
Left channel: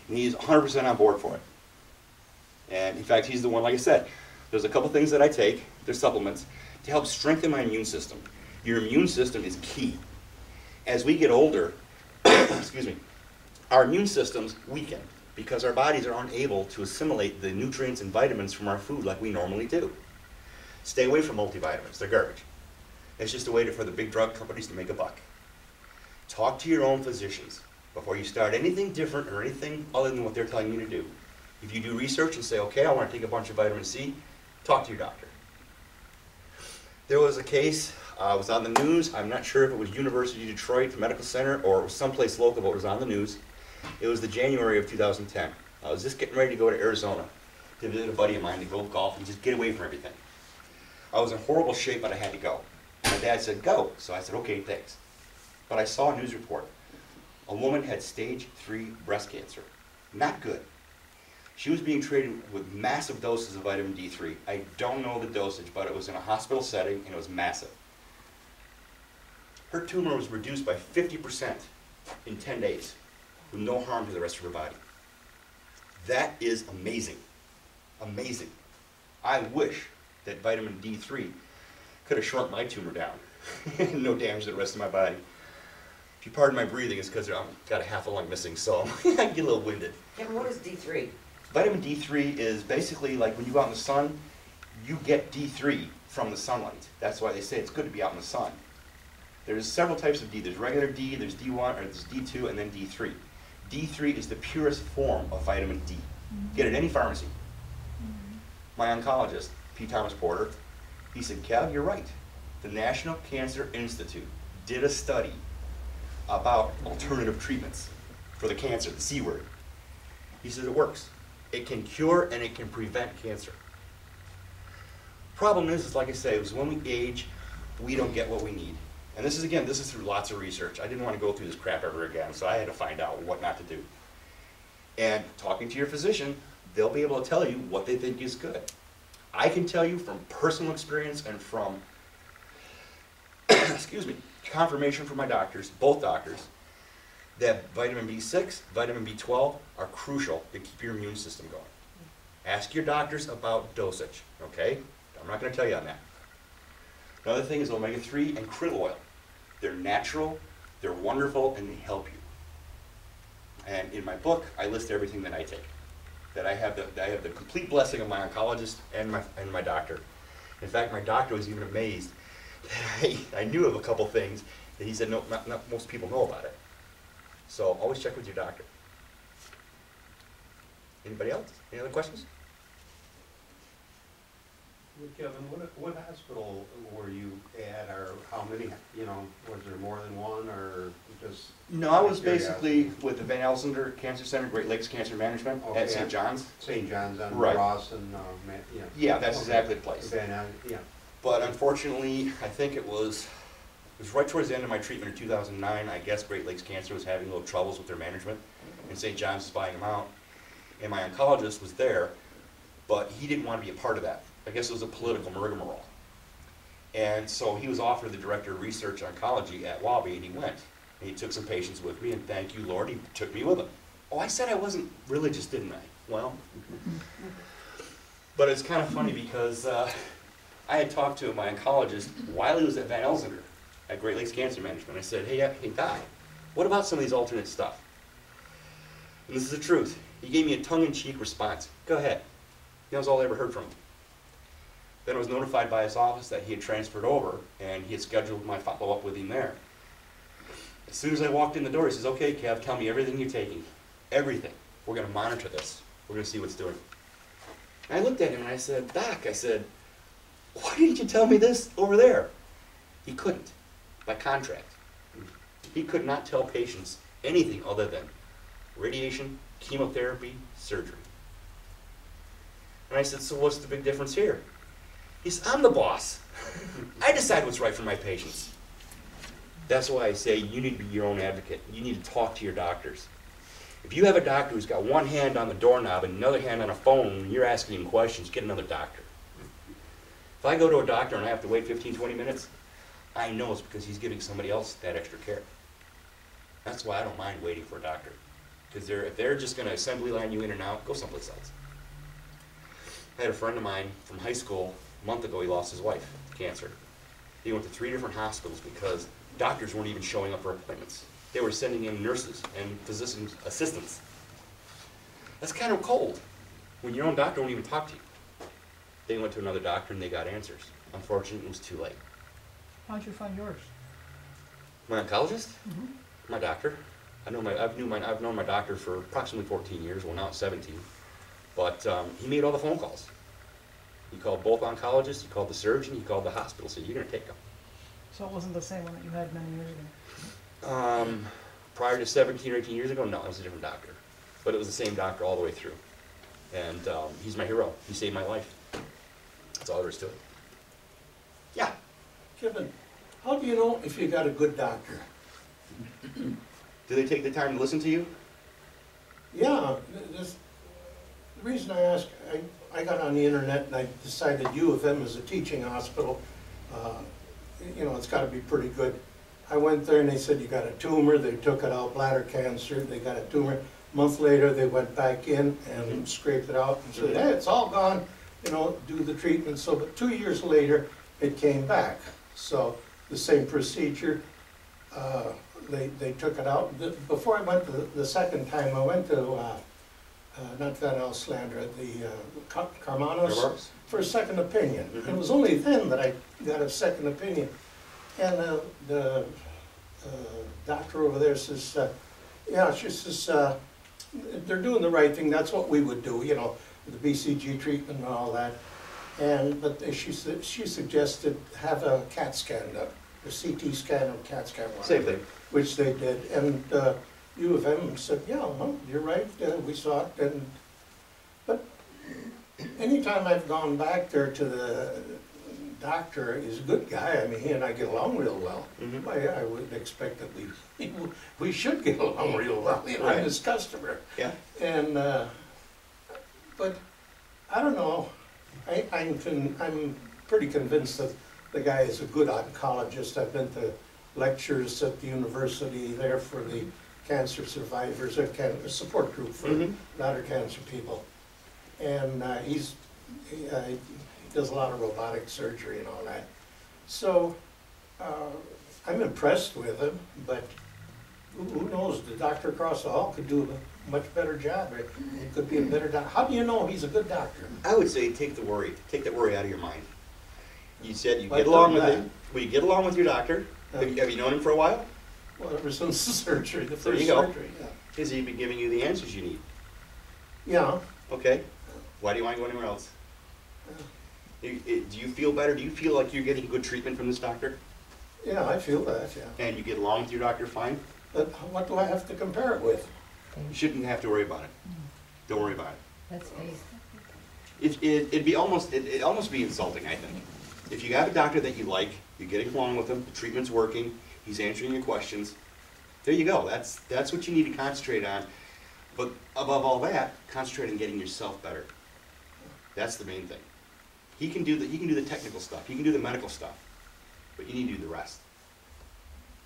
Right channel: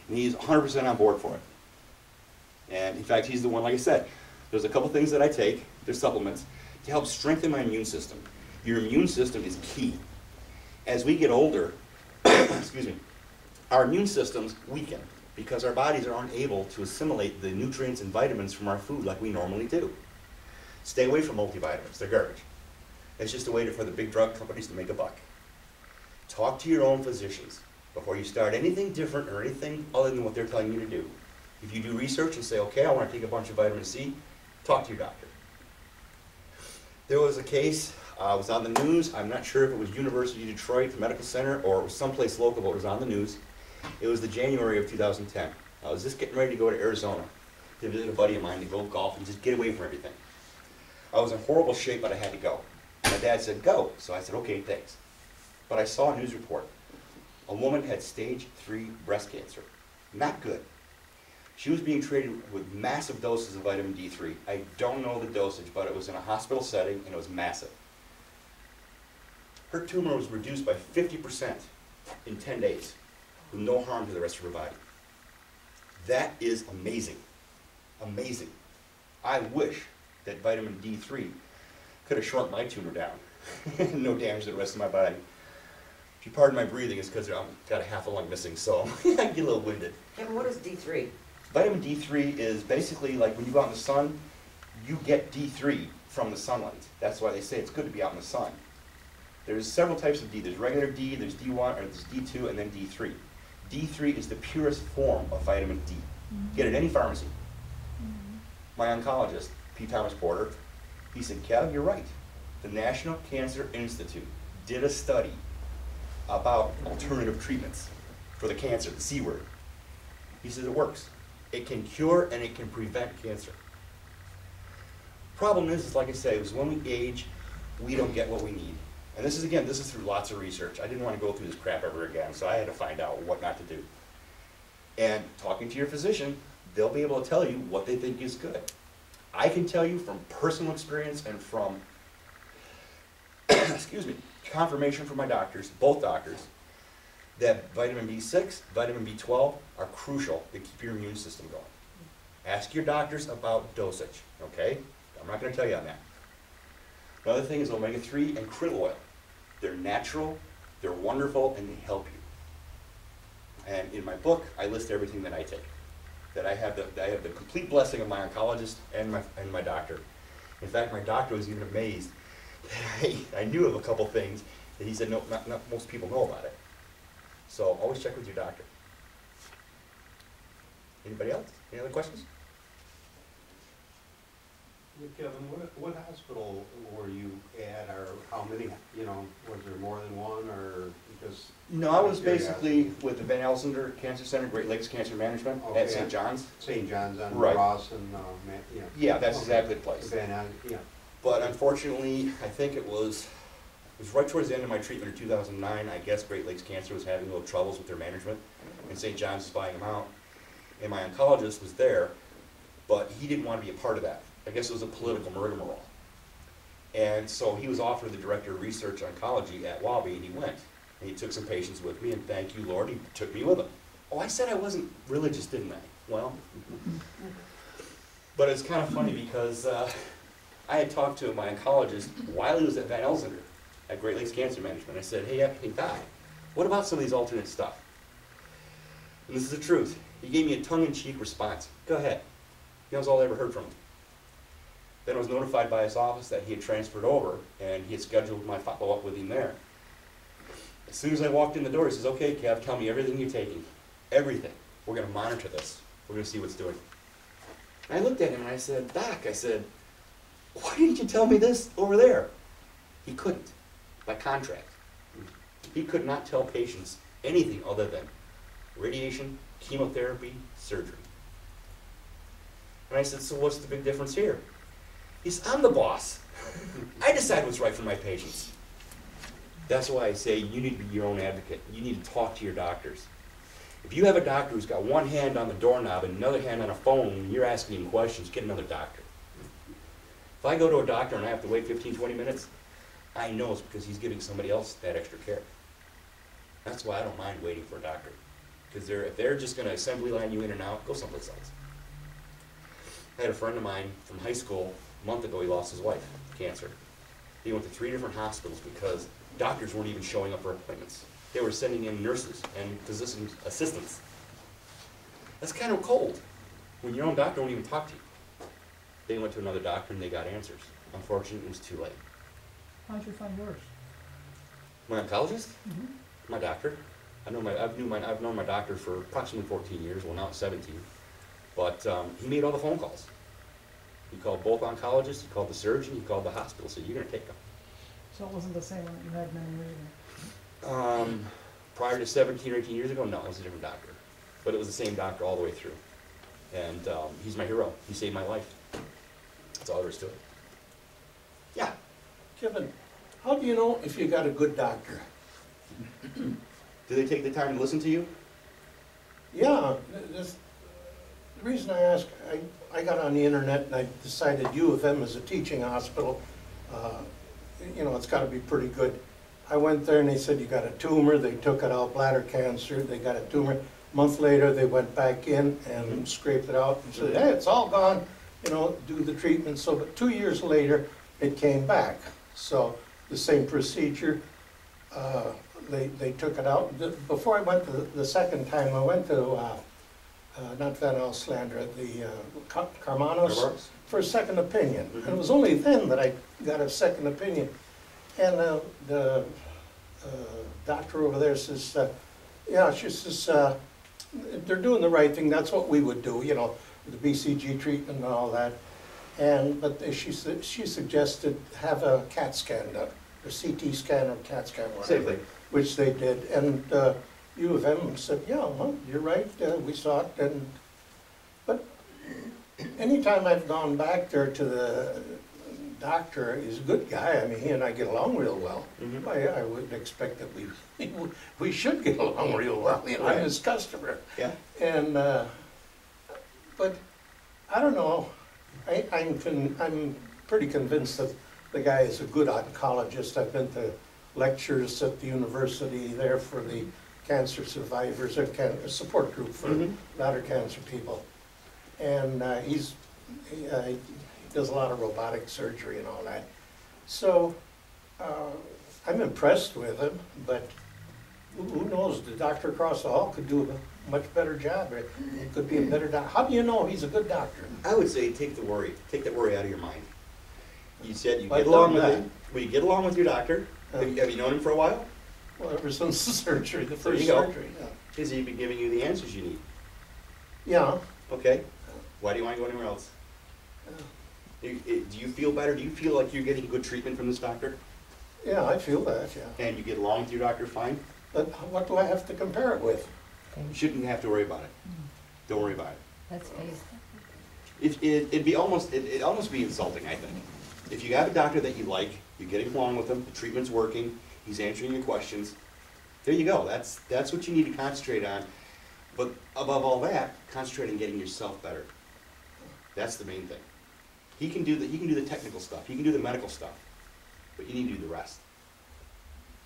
And he's 100% on board for it. And in fact, he's the one, like I said, there's a couple things that I take, they're supplements, to help strengthen my immune system. Your immune system is key. As we get older, excuse me, our immune systems weaken because our bodies are unable to assimilate the nutrients and vitamins from our food like we normally do. Stay away from multivitamins, they're garbage. It's just a way for the big drug companies to make a buck. Talk to your own physicians before you start anything different or anything other than what they're telling you to do. If you do research and say, okay, I want to take a bunch of vitamin C, talk to your doctor. There was a case, it was on the news. I'm not sure if it was University of Detroit Medical Center or it was someplace local, but it was on the news. It was the January of 2010. I was just getting ready to go to Arizona to visit a buddy of mine to go golf and just get away from everything. I was in horrible shape, but I had to go. My dad said, go. So I said, okay, thanks. But I saw a news report. A woman had stage 3 breast cancer. Not good. She was being treated with massive doses of vitamin D3. I don't know the dosage, but it was in a hospital setting and it was massive. Her tumor was reduced by 50% in 10 days with no harm to the rest of her body. That is amazing. Amazing. I wish that vitamin D3 could have shrunk my tumor down. No damage to the rest of my body. If you pardon my breathing, it's because I've got a half a lung missing, so I get a little winded. Kevin, what is D3? Vitamin D3 is basically like when you go out in the sun, you get D3 from the sunlight. That's why they say it's good to be out in the sun. There's several types of D. There's regular D, there's D1, or there's D2, and then D3. D3 is the purest form of vitamin D. Get it at any pharmacy. My oncologist, P. Thomas Porter, he said, Kev, you're right. The National Cancer Institute did a study about alternative treatments for the cancer, the C word. He said it works. It can cure and it can prevent cancer. Problem is like I say, is when we age, we don't get what we need. And this is through lots of research. I didn't want to go through this crap ever again, so I had to find out what not to do. And talking to your physician, they'll be able to tell you what they think is good. I can tell you from personal experience and from, excuse me, confirmation from my doctors, both doctors, that vitamin B6, vitamin B12 are crucial to keep your immune system going. Ask your doctors about dosage, okay? I'm not going to tell you on that. Another thing is omega-3 and krill oil. They're natural, they're wonderful, and they help you. And in my book, I list everything that I take. That I have the complete blessing of my oncologist and my doctor. In fact, my doctor was even amazed that I knew of a couple things that he said no, not most people know about it. So always check with your doctor. Anybody else? Any other questions? Kevin, what hospital were you at, or how many, was there more than one, or just? No, I was basically with the Van Elsener Cancer Center, Great Lakes Cancer Management Okay. at St. John's. St. John's on Right. Ross and, Yeah, that's exactly the place. Yeah. But unfortunately, I think it was right towards the end of my treatment in 2009. I guess Great Lakes Cancer was having a little troubles with their management, and St. John's was buying them out. And my oncologist was there, but he didn't want to be a part of that. I guess it was a political rigmarole. And so he was offered the director of research oncology at Wabi, and he went. And he took some patients with me, and thank you, Lord, he took me with him. Oh, I said I wasn't religious, didn't I? Well, but it's kind of funny because I had talked to my oncologist while he was at Van Elsener at Great Lakes Cancer Management. I said, hey Doc, what about some of these alternate stuff? And this is the truth. He gave me a tongue-in-cheek response. Go ahead. That was all I ever heard from him. Then I was notified by his office that he had transferred over, and he had scheduled my follow-up with him there. As soon as I walked in the door, he says, okay, Kev, tell me everything you're taking. Everything. We're going to monitor this. We're going to see what's doing. And I looked at him and I said, Doc, why didn't you tell me this over there? He couldn't, by contract. He could not tell patients anything other than radiation, chemotherapy, surgery. And I said, so what's the big difference here? He said, I'm the boss. I decide what's right for my patients. That's why I say you need to be your own advocate. You need to talk to your doctors. If you have a doctor who's got one hand on the doorknob and another hand on a phone, and you're asking him questions, get another doctor. If I go to a doctor and I have to wait 15, 20 minutes, I know it's because he's giving somebody else that extra care. That's why I don't mind waiting for a doctor. Because if they're just going to assembly line you in and out, go someplace else. I had a friend of mine from high school, a month ago, he lost his wife to cancer. He went to 3 different hospitals because doctors weren't even showing up for appointments. They were sending in nurses and physician assistants. That's kind of cold when your own doctor won't even talk to you. They went to another doctor and they got answers. Unfortunately, it was too late. How'd you find yours? My oncologist? My doctor. I've known my doctor for approximately 14 years, well now it's 17. But he made all the phone calls. He called both oncologists, he called the surgeon, he called the hospital, said, you're going to take them. So it wasn't the same one that you had many years ago? Prior to 17 or 18 years ago, no, it was a different doctor. But it was the same doctor all the way through. And he's my hero. He saved my life. That's all there is to it. Yeah. Kevin, how do you know if you got a good doctor? Do they take the time to listen to you? Yeah, the reason I ask, I got on the internet and I decided U of M is a teaching hospital. It's got to be pretty good. I went there and they said, you got a tumor. They took it out, bladder cancer. They got a tumor. A month later, they went back in and scraped it out and said, hey, it's all gone. Do the treatment. So, but 2 years later, it came back. So the same procedure. They took it out. Before I went the second time, I went to not Van Elslandra, the Carmanos for a second opinion. And it was only then that I got a second opinion. And the doctor over there says, yeah, she says, they're doing the right thing, that's what we would do, you know, the BCG treatment and all that. But she suggested have a CAT scan done, a CT scan or CAT scan, whatever, Same thing. which they did. And U of M said, yeah, well, you're right, we saw it. But anytime I've gone back there to the doctor, he's a good guy. I mean, he and I get along real well. Mhm. I would expect that we should get along real well. You know, Right. I'm his customer. Yeah. And but I don't know. I'm pretty convinced that the guy is a good oncologist. I've been to lectures at the university there for the cancer survivors, a support group for bladder cancer people. And he does a lot of robotic surgery and all that. So I'm impressed with him, but who knows? The doctor across the hall could do a much better job. He could be a better doctor. How do you know he's a good doctor? I would say take that worry out of your mind. You said you But get along done with that. him. Well, you get along with your doctor. Have you known him for a while? Well, ever since the surgery, the There first you go. surgery. Yeah. Has he been giving you the answers you need? Yeah. Okay. Why do you want to go anywhere else? Do you feel better? Do you feel like you're getting good treatment from this doctor? Yeah, I feel that, yeah. And you get along with your doctor fine? But what do I have to compare it with? You shouldn't have to worry about it. Don't worry about it. That's faith. It'd almost be insulting, I think. If you have a doctor that you like, you're getting along with him, the treatment's working, he's answering your questions, there you go. That's what you need to concentrate on. But above all that, concentrate on getting yourself better. That's the main thing. He can do the technical stuff, he can do the medical stuff, but you need to do the rest.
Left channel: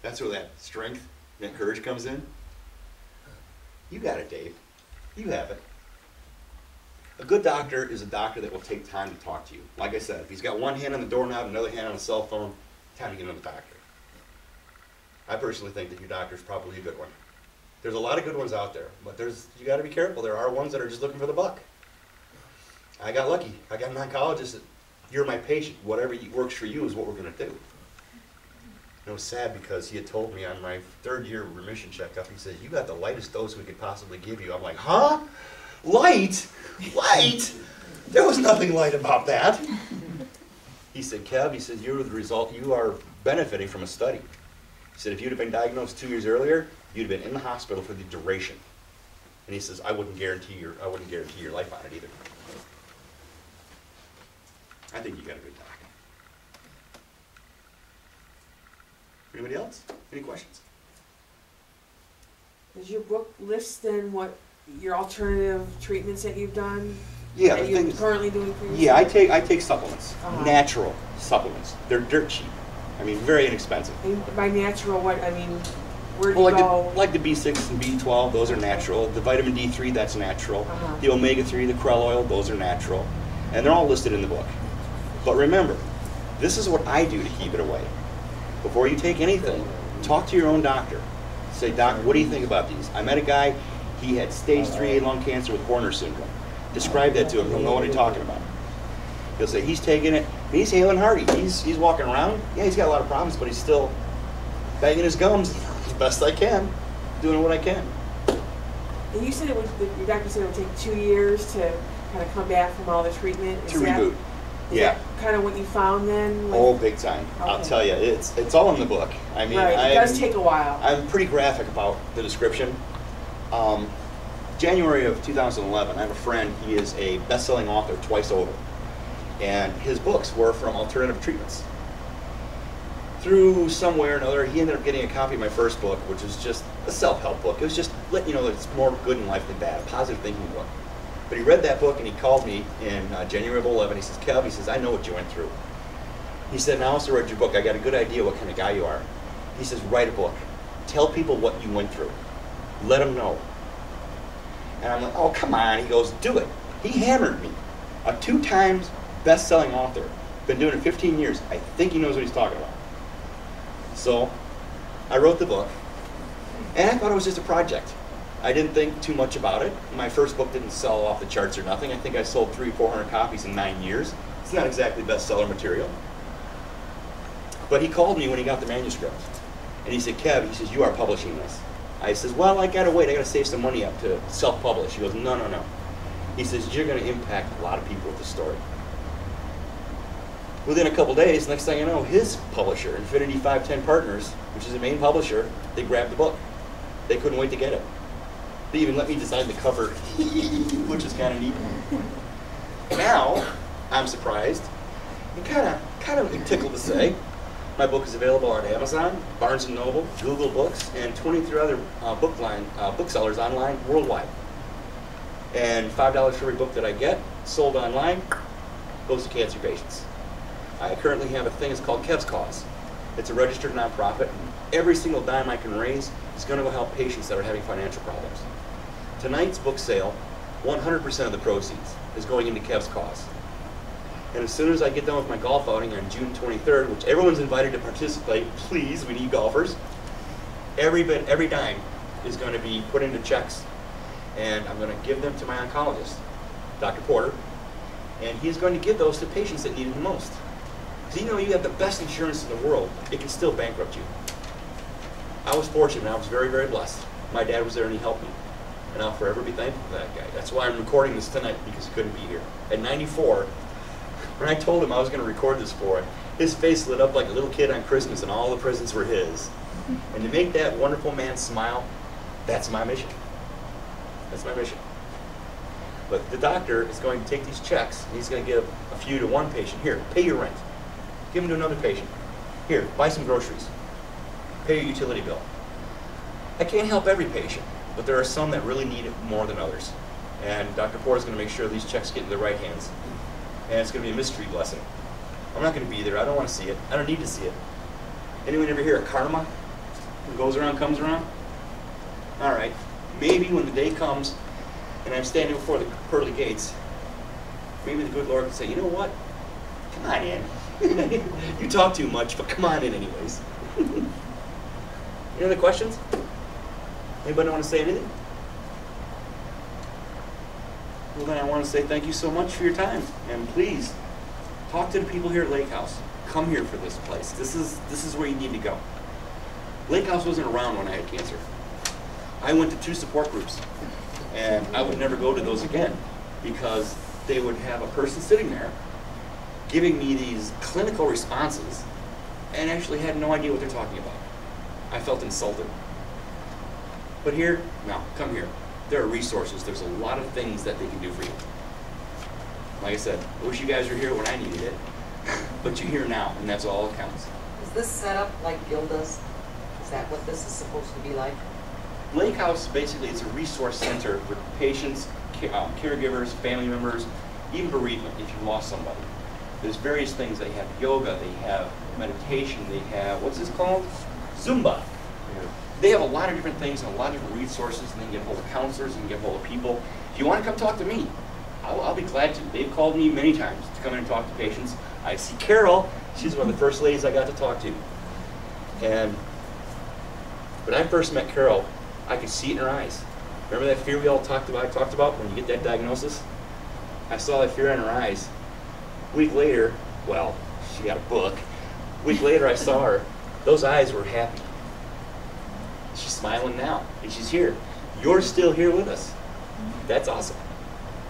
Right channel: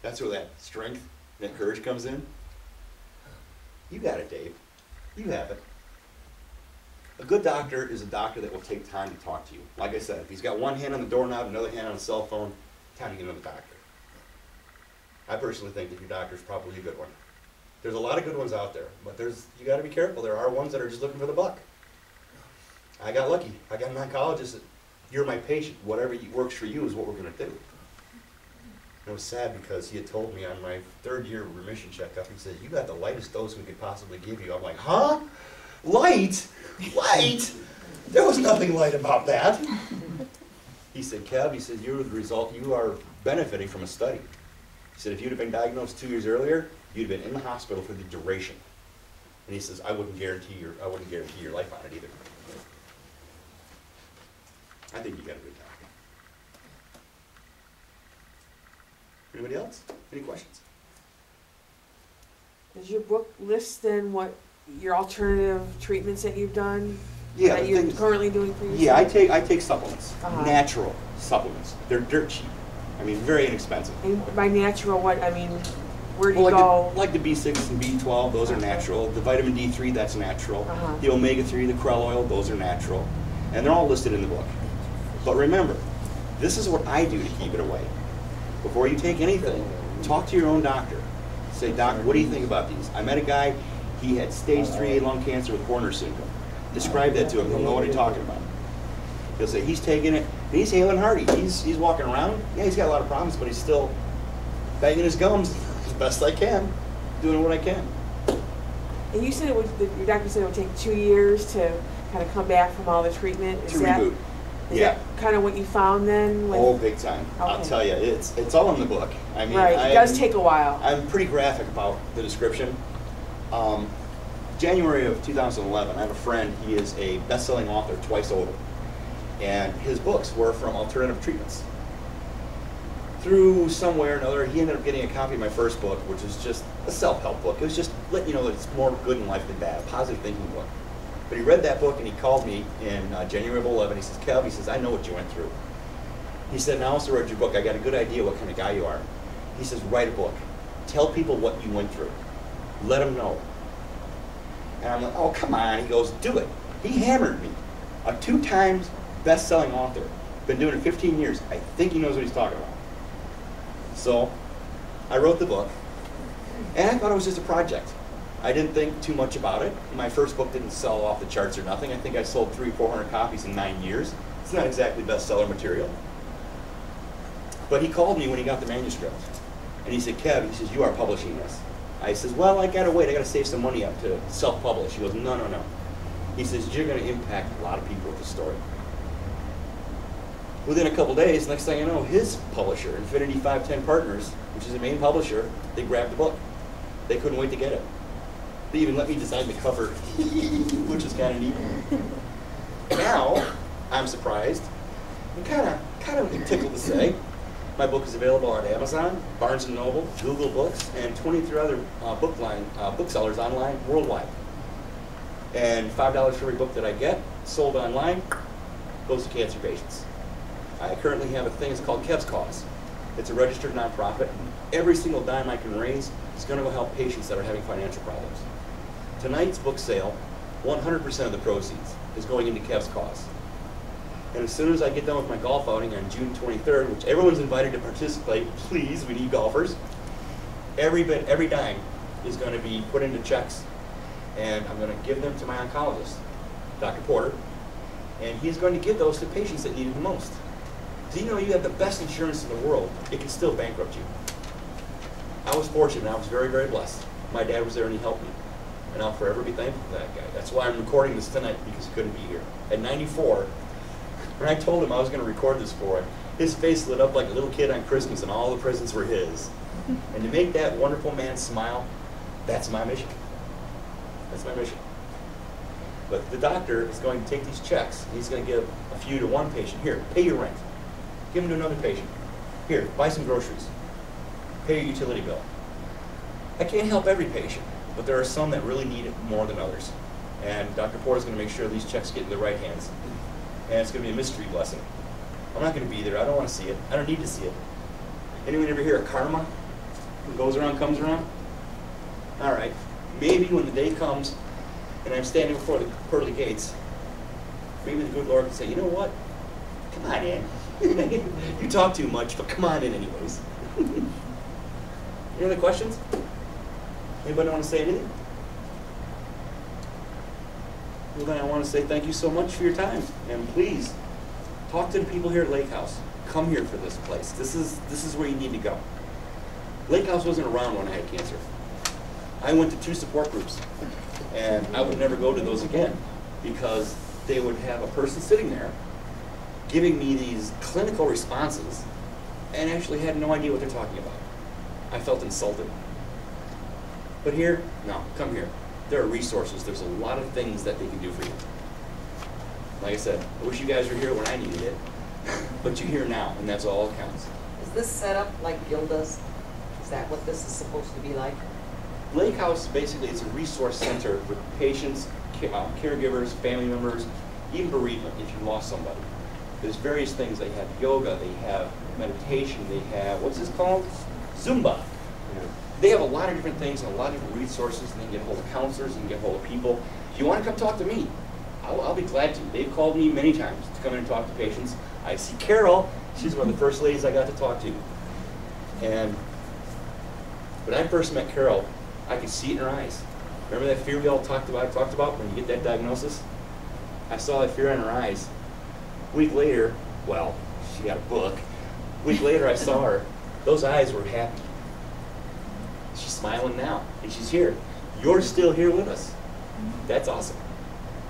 That's where that strength, that courage comes in. You got it, Dave. You have it. A good doctor is a doctor that will take time to talk to you. Like I said, if he's got one hand on the doorknob, another hand on the cell phone, time to get another doctor. I personally think that your doctor is probably a good one. There's a lot of good ones out there, but you got to be careful. There are ones that are just looking for the buck. I got lucky. I got an oncologist that, you're my patient. Whatever works for you is what we're going to do. And it was sad because he had told me on my 3rd year remission checkup, he said, you got the lightest dose we could possibly give you. I'm like, huh? Light? Light? There was nothing light about that. He said, Kev, he said, you're the result, you are benefiting from a study. He said, if you'd have been diagnosed 2 years earlier, you'd have been in the hospital for the duration. And he says, I wouldn't guarantee your life on it either. I think you got a good doctor. Anybody else? Any questions? Does your book list then what your alternative treatments that you've done? Yeah, That the you're things- currently doing for yourself? Yeah, I take supplements, natural supplements. They're dirt cheap. I mean, very inexpensive. And by natural, what, I mean, where do Well, you go? like the B6 and B12, those are natural. The vitamin D3, that's natural. Uh-huh. The omega-3, the krill oil, those are natural. And they're all listed in the book. But remember, this is what I do to keep it away. Before you take anything, talk to your own doctor. Say, Doc, what do you think about these? I met a guy, he had stage 3A lung cancer with Horner syndrome. Describe that to him, he'll know what I'm talking about. He'll say, he's taking it, and he's hale and hearty. He's walking around. Yeah, he's got a lot of problems, but he's still banging his gums as best I can, doing what I can. And you said your doctor said it would take 2 years to kind of come back from all the treatment? To reboot. Is Yeah. that kind of what you found then? Oh, big time. I'll Okay. tell you, it's all in the book. I mean, Right, it does take a while. I'm pretty graphic about the description. January of 2011, I have a friend, he is a best-selling author twice over. And his books were from alternative treatments. Through some way or another, he ended up getting a copy of my first book, which is just a self-help book. It was just letting you know that it's more good in life than bad, a positive thinking book. But he read that book and he called me in January of 11. He says, Kev, he says, I know what you went through. He said, now I also read your book. I got a good idea what kind of guy you are. He says, write a book. Tell people what you went through. Let them know. And I'm like, oh, come on. He goes, do it. He hammered me. A 2-time best-selling author. Been doing it 15 years. I think he knows what he's talking about. So I wrote the book. And I thought it was just a project. I didn't think too much about it. My first book didn't sell off the charts or nothing. I think I sold 300 or 400 copies in 9 years. It's not exactly bestseller material. But he called me when he got the manuscript. And he said, Kev, he says, you are publishing this. I says, well, I gotta wait. I gotta save some money up to self-publish. He goes, no, no, no. He says, you're gonna impact a lot of people with this story. Within a couple days, next thing I know, his publisher, Infinity 510 Partners, which is the main publisher, they grabbed the book. They couldn't wait to get it. They even let me design the cover, which is kind of neat. Now, I'm surprised and kind of tickled to say, my book is available on Amazon, Barnes & Noble, Google Books, and 23 other booksellers online worldwide. And $5 for every book that I get, sold online, goes to cancer patients. I currently have a thing, it's called Kev's Cause. It's a registered nonprofit. Every single dime I can raise is going to go help patients that are having financial problems. Tonight's book sale, 100% of the proceeds is going into Kev's Cause. And as soon as I get done with my golf outing on June 23rd, which everyone's invited to participate, please, we need golfers, every dime is going to be put into checks, and I'm going to give them to my oncologist, Dr. Porter, and he's going to give those to patients that need it the most. Do you know you have the best insurance in the world, it can still bankrupt you? I was fortunate, I was very, very blessed. My dad was there and he helped me. And I'll forever be thankful for that guy. That's why I'm recording this tonight, because he couldn't be here. At 94, when I told him I was going to record this for him, his face lit up like a little kid on Christmas and all the presents were his. And to make that wonderful man smile, that's my mission. That's my mission. But the doctor is going to take these checks and he's going to give a few to one patient. Here, pay your rent. Give them to another patient. Here, buy some groceries. Pay your utility bill. I can't help every patient, but there are some that really need it more than others. And Dr. Porter is going to make sure these checks get in the right hands. And it's going to be a mystery blessing. I'm not going to be there. I don't want to see it. I don't need to see it. Anyone ever hear of karma? What goes around comes around? All right. Maybe when the day comes and I'm standing before the pearly gates, maybe the good Lord can say, you know what? Come on in. You talk too much, but come on in anyways. Any other questions? Anybody want to say anything? Well, then I want to say thank you so much for your time. And please, talk to the people here at Lake House. Come here for this place. This is where you need to go. Lake House wasn't around when I had cancer. I went to 2 support groups. And I would never go to those again because they would have a person sitting there giving me these clinical responses and actually had no idea what they're talking about. I felt insulted. But here, no, come here. There are resources. There's a lot of things that they can do for you. Like I said, I wish you guys were here when I needed it, but you're here now, and that's all that counts. Is this set up like Gilda's? Is that what this is supposed to be like? Lake House, basically, it's a resource center for patients, caregivers, family members, even bereavement if you lost somebody. There's various things. They have yoga, they have meditation, they have, what's this called? Zumba. Yeah. They have a lot of different things and a lot of different resources, and they can get hold of counselors and get hold of people. If you want to come talk to me, I'll be glad to. They've called me many times to come in and talk to patients. I see Carol. She's one of the first ladies I got to talk to. And when I first met Carol, I could see it in her eyes. Remember that fear we all talked about when you get that diagnosis? I saw that fear in her eyes. A week later, well, she got a book. A week later, I saw her. Those eyes were happy. She's smiling now, and she's here. You're still here with us. That's awesome.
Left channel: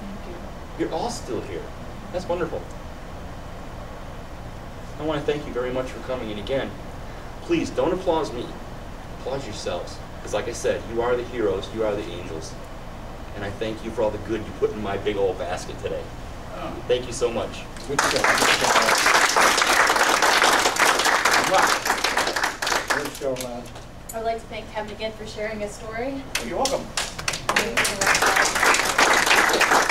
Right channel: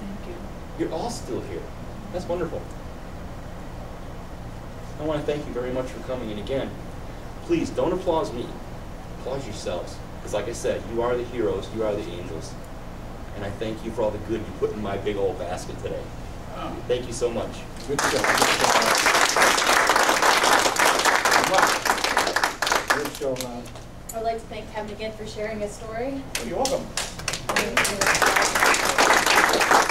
Thank you. You're all still here. That's wonderful. I want to thank you very much for coming. And again, please don't applaud me. Applaud yourselves. Because like I said, you are the heroes. You are the angels. And I thank you for all the good you put in my big old basket today. Thank you so much. Good show. Good show, man. I'd like to thank Kevin again for sharing his story. Oh, you're welcome. Thank you.